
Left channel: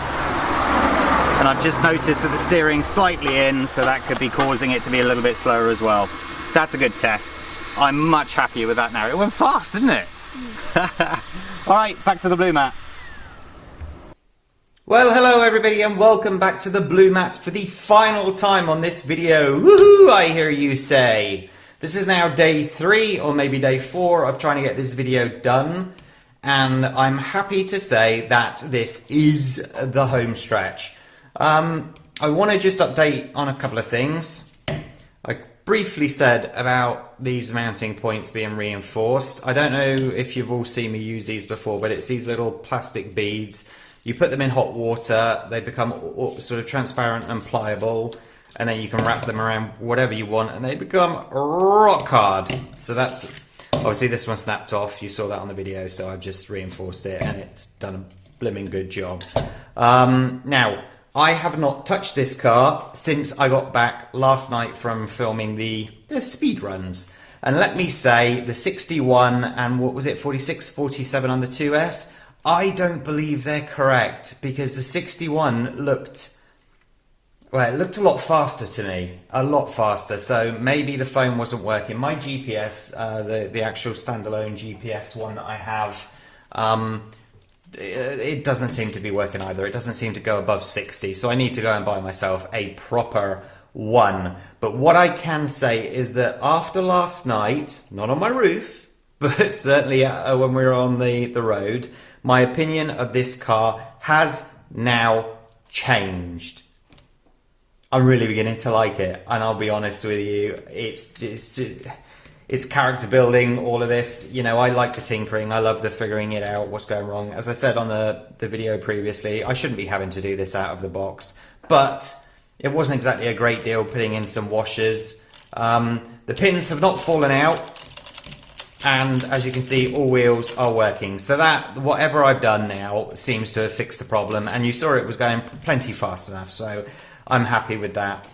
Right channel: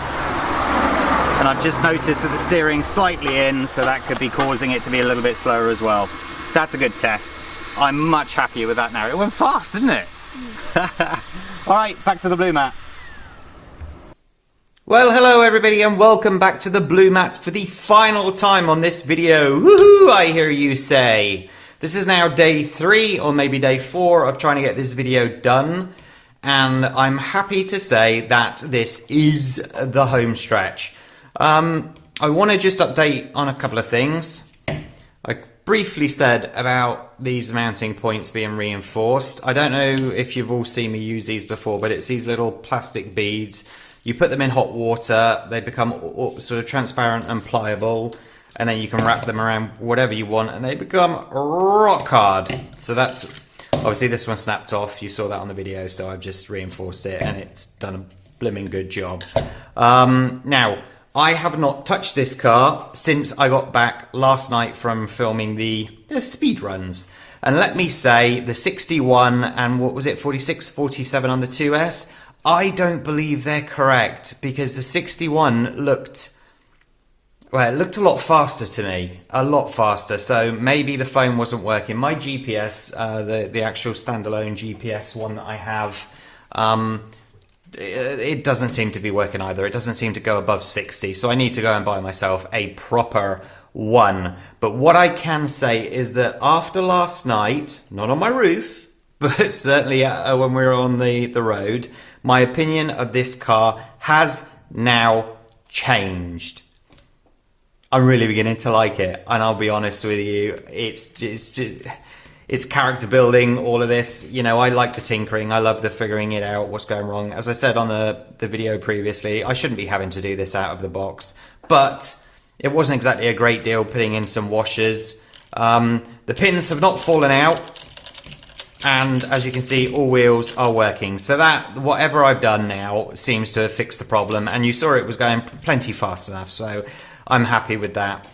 And I've just noticed that the steering's slightly in, so that could be causing it to be a little bit slower as well. That's a good test. I'm much happier with that now. It went fast, didn't it? Alright, back to the blue mat. Well, hello everybody and welcome back to the blue mat for the final time on this video. Woohoo, I hear you say. This is now day 3 or maybe day 4 of trying to get this video done, and I'm happy to say that this is the home stretch. I want to just update on a couple of things. I briefly said about these mounting points being reinforced. I don't know if you've all seen me use these before, but it's these little plastic beads. You put them in hot water, they become sort of transparent and pliable, and then you can wrap them around whatever you want and they become rock hard. So that's, obviously this one snapped off, you saw that on the video, so I've just reinforced it and it's done a blimmin' good job. Now, I have not touched this car since I got back last night from filming the speed runs. And let me say, the 61 and what was it, 46, 47 on the 2S, I don't believe they're correct because the 61 looked... well, it looked a lot faster to me, a lot faster, so maybe the phone wasn't working. My GPS, the actual standalone GPS one that I have, it doesn't seem to be working either. It doesn't seem to go above 60, so I need to go and buy myself a proper one. But what I can say is that after last night, not on my roof, but certainly when we were on the road, my opinion of this car has now changed. I'm really beginning to like it, and I'll be honest with you, it's character building, all of this. You know, I like the tinkering, I love the figuring it out, what's going wrong. As I said on the video previously, I shouldn't be having to do this out of the box, but it wasn't exactly a great deal putting in some washers. The pins have not fallen out, and as you can see, all wheels are working. So that, whatever I've done now, seems to have fixed the problem, and you saw it was going plenty fast enough, so I'm happy with that.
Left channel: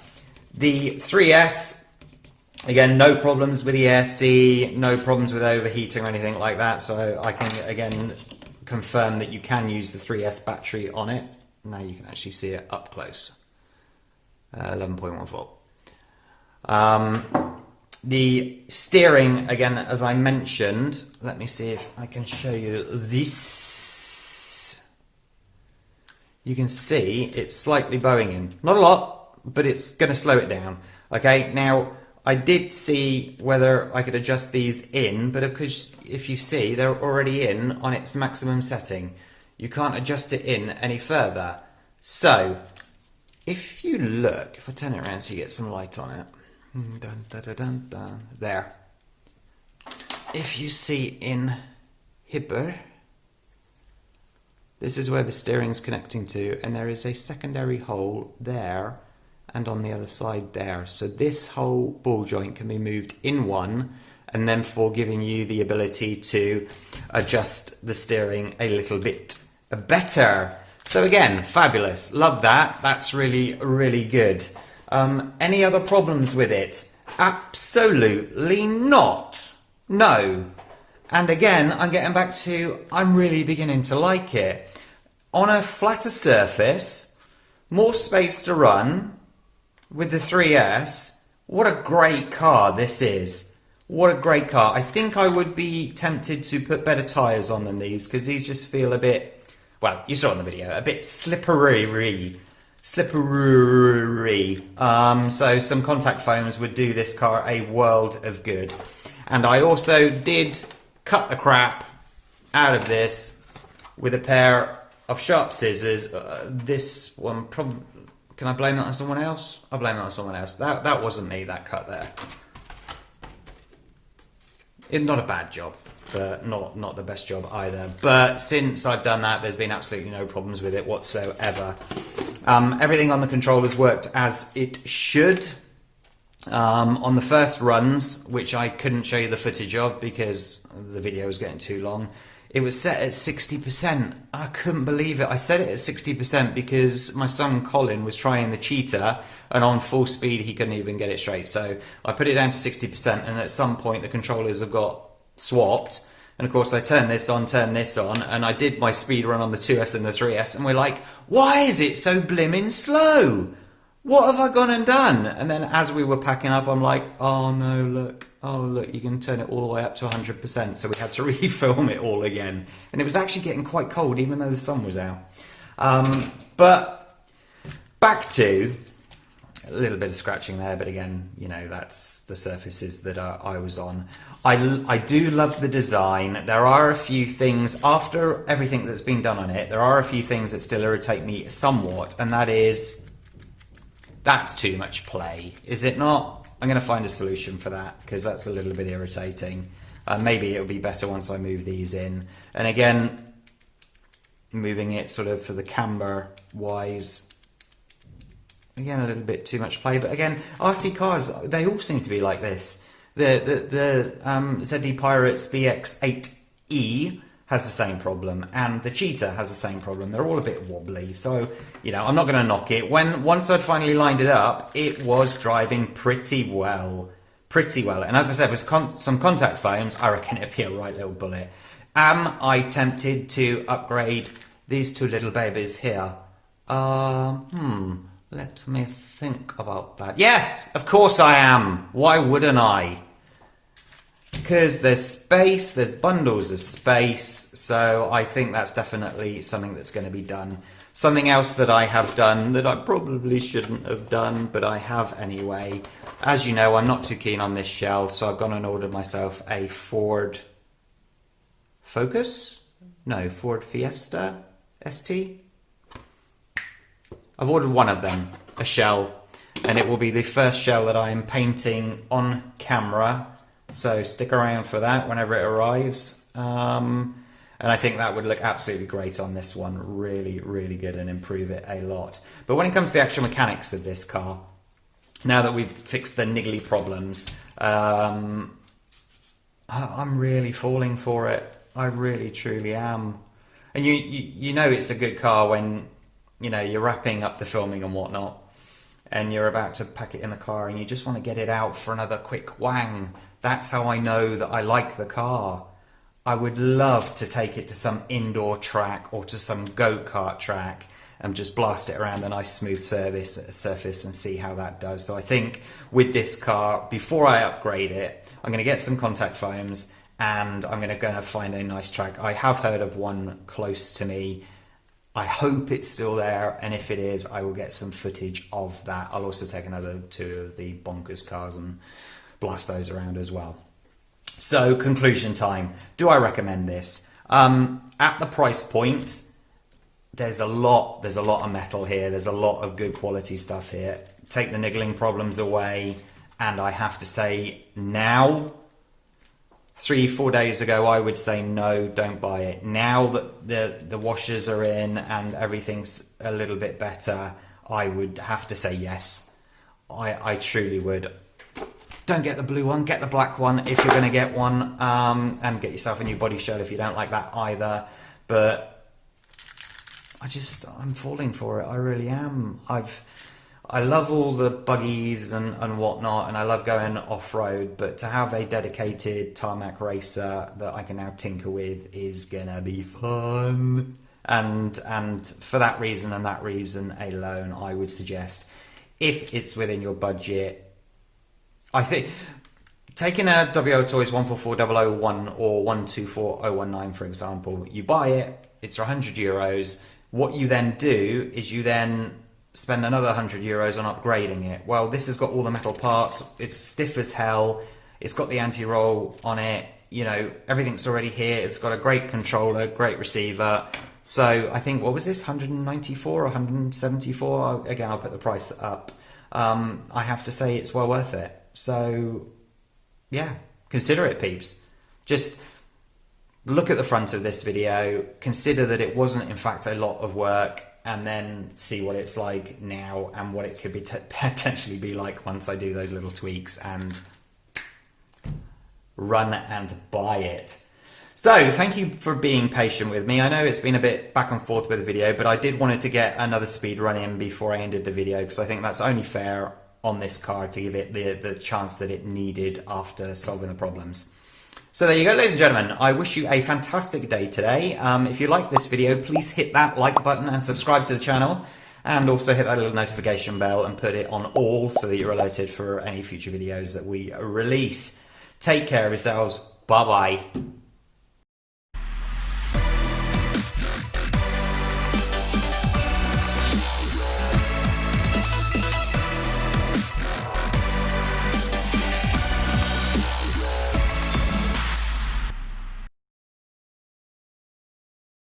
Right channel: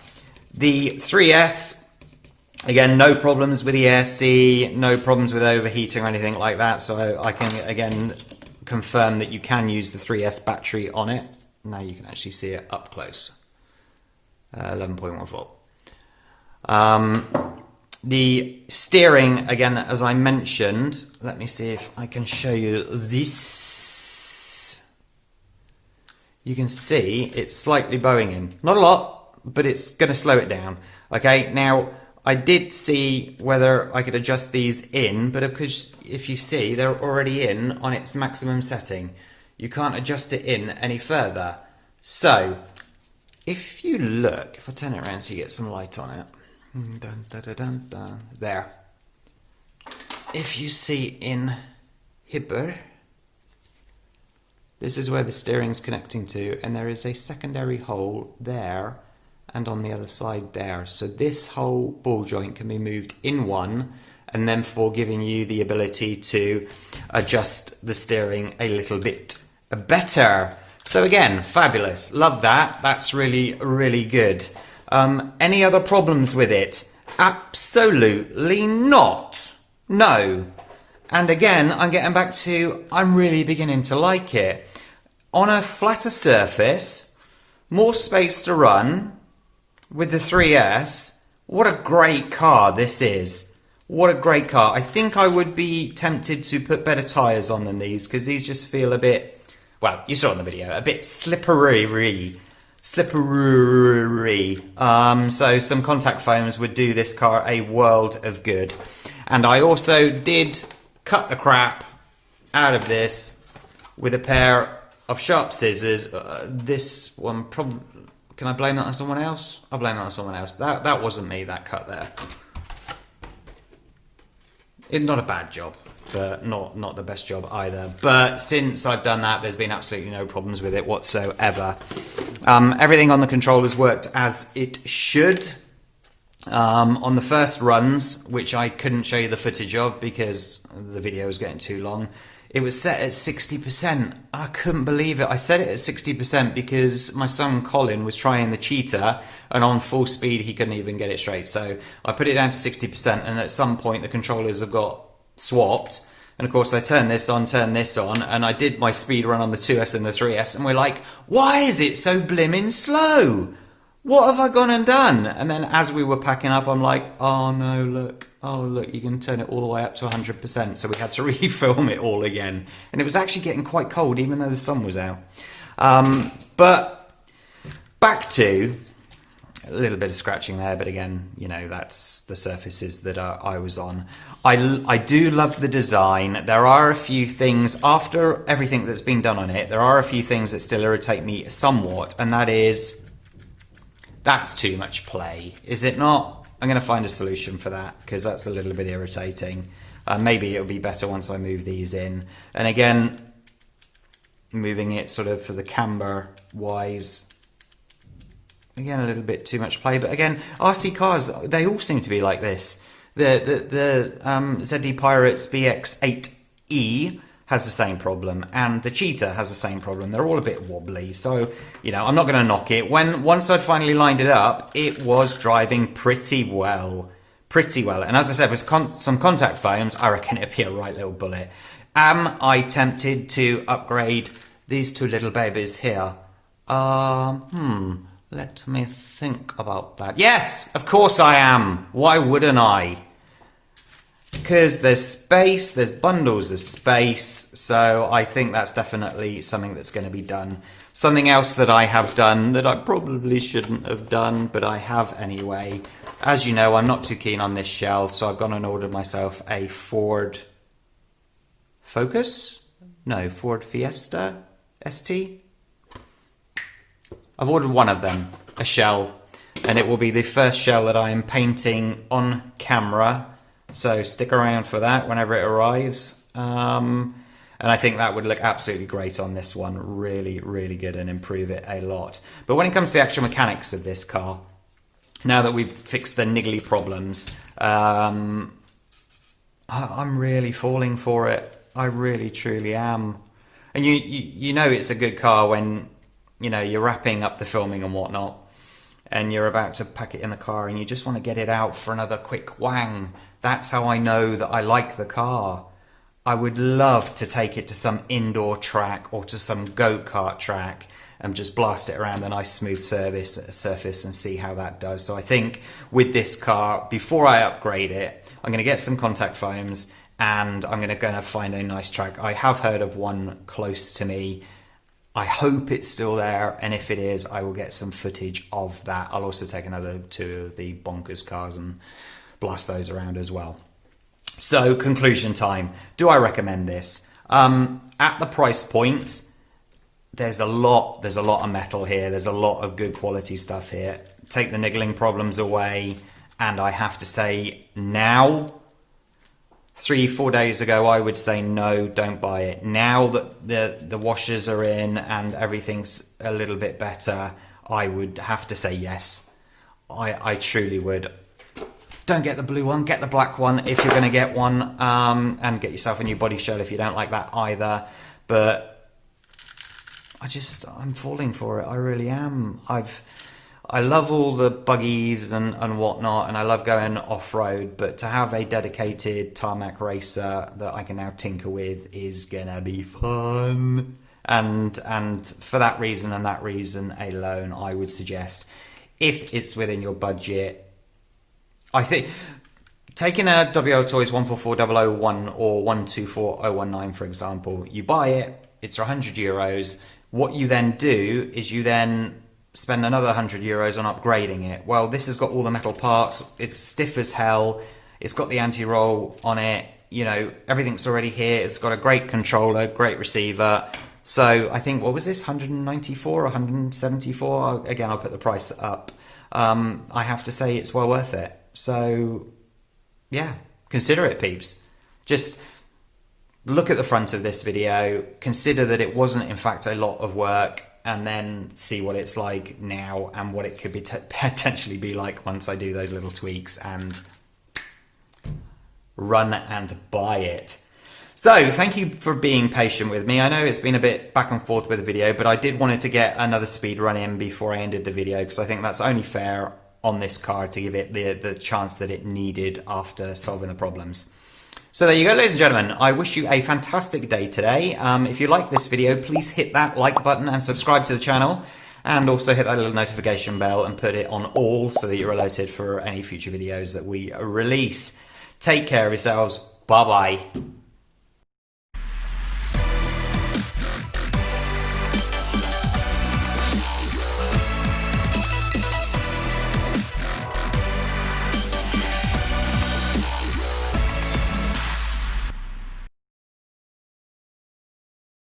The 3S, again, no problems with the ESC, no problems with overheating or anything like that, so I can again confirm that you can use the 3S battery on it. Now you can actually see it up close. 11.1 volt. The steering, again, as I mentioned, let me see if I can show you this. You can see it's slightly bowing in. Not a lot, but it's going to slow it down. Okay, now I did see whether I could adjust these in, but because if you see, they're already in on its maximum setting. You can't adjust it in any further. So, if you look, if I turn it around so you get some light on it. Dun, dun, dun, dun, dun. There. If you see in Hibber, this is where the steering's connecting to, and there is a secondary hole there and on the other side there. So this whole ball joint can be moved in one, and then for giving you the ability to adjust the steering a little bit better. So again, fabulous. Love that. That's really, really good. Any other problems with it? Absolutely not. No. And again, I'm getting back to, I'm really beginning to like it. On a flatter surface, more space to run with the 3S. What a great car this is. What a great car. I think I would be tempted to put better tyres on than these, because these just feel a bit, well, you saw in the video, a bit slippery. So some contact foams would do this car a world of good. And I also did cut the crap out of this with a pair of sharp scissors. This one probably, can I blame that on someone else? I'll blame that on someone else. That wasn't me that cut there. not a bad job, but not the best job either. But since I've done that, there's been absolutely no problems with it whatsoever. Everything on the controllers worked as it should. On the first runs, which I couldn't show you the footage of because the video was getting too long, it was set at 60%. I couldn't believe it. I set it at 60% because my son Colin was trying the cheetah, and on full speed he couldn't even get it straight. So I put it down to 60%, and at some point the controllers have got swapped. And of course I turned this on, and I did my speed run on the 2S and the 3S, and we're like, why is it so blimmin' slow? What have I gone and done? And then as we were packing up, I'm like, oh no, look, you can turn it all the way up to 100%. So we had to refilm it all again. And it was actually getting quite cold, even though the sun was out. But back to a little bit of scratching there, but again, you know, that's the surfaces that I was on. I do love the design. There are a few things, after everything that's been done on it, there are a few things that still irritate me somewhat, and that is, that's too much play, is it not? I'm going to find a solution for that, because that's a little bit irritating. Maybe it'll be better once I move these in. And again, moving it sort of for the camber wise, again, a little bit too much play. But again, RC cars, they all seem to be like this. The ZD Pirates BX8E has the same problem, and the Cheetah has the same problem. They're all a bit wobbly, so, you know, I'm not going to knock it. Once I'd finally lined it up, it was driving pretty well. And as I said, with some contact foams, I reckon it'd be a right little bullet. Am I tempted to upgrade these two little babies here? Let me think about that. Yes, of course I am. Why wouldn't I? Because there's space, there's bundles of space, so I think that's definitely something that's going to be done. Something else that I have done that I probably shouldn't have done, but I have anyway. As you know, I'm not too keen on this shell, so I've gone and ordered myself a Ford Focus? No, Ford Fiesta ST? I've ordered one of them, a shell, and it will be the first shell that I am painting on camera. So stick around for that whenever it arrives. And I think that would look absolutely great on this one. Really, really good and improve it a lot. But when it comes to the actual mechanics of this car, now that we've fixed the niggly problems, I'm really falling for it. I really, truly am. And you know it's a good car when, you know, you're wrapping up the filming and whatnot, and you're about to pack it in the car and you just want to get it out for another quick wang. That's how I know that I like the car. I would love to take it to some indoor track or to some go-kart track and just blast it around a nice smooth surface and see how that does. So I think with this car, before I upgrade it, I'm going to get some contact foams and I'm going to go and find a nice track. I have heard of one close to me. I hope it's still there, and if it is, I will get some footage of that. I'll also take another two of the bonkers cars and blast those around as well. So, conclusion time. Do I recommend this? At the price point, there's a lot of metal here. There's a lot of good quality stuff here. Take the niggling problems away, and I have to say now, 3-4 days ago, I would say no, don't buy it. Now that the washers are in and everything's a little bit better, I would have to say yes. I truly would. Don't get the blue one, get the black one if you're going to get one, and get yourself a new body shell if you don't like that either. But I'm falling for it. I really am. I love all the buggies and whatnot, and I love going off-road, but to have a dedicated Tarmac Racer that I can now tinker with is gonna be fun. And for that reason and that reason alone, I would suggest, if it's within your budget, I think taking a WO Toys 144001 or 124019, for example, you buy it, it's €100. What you then do is you then spend another €100 on upgrading it. Well, this has got all the metal parts, it's stiff as hell, it's got the anti-roll on it, you know, everything's already here, it's got a great controller, great receiver. So I think, what was this, 194 or 174? Again, I'll put the price up. I have to say it's well worth it. So yeah, consider it, peeps. Just look at the front of this video, consider that it wasn't in fact a lot of work, and then see what it's like now and what it could be potentially be like once I do those little tweaks, and run and buy it. So thank you for being patient with me. I know it's been a bit back and forth with the video, but I did wanted to get another speed run in before I ended the video, because I think that's only fair on this car to give it the chance that it needed after solving the problems. So there you go, ladies and gentlemen. I wish you a fantastic day today. If you like this video, please hit that like button and subscribe to the channel, and also hit that little notification bell and put it on all so that you're alerted for any future videos that we release. Take care of yourselves. Bye bye.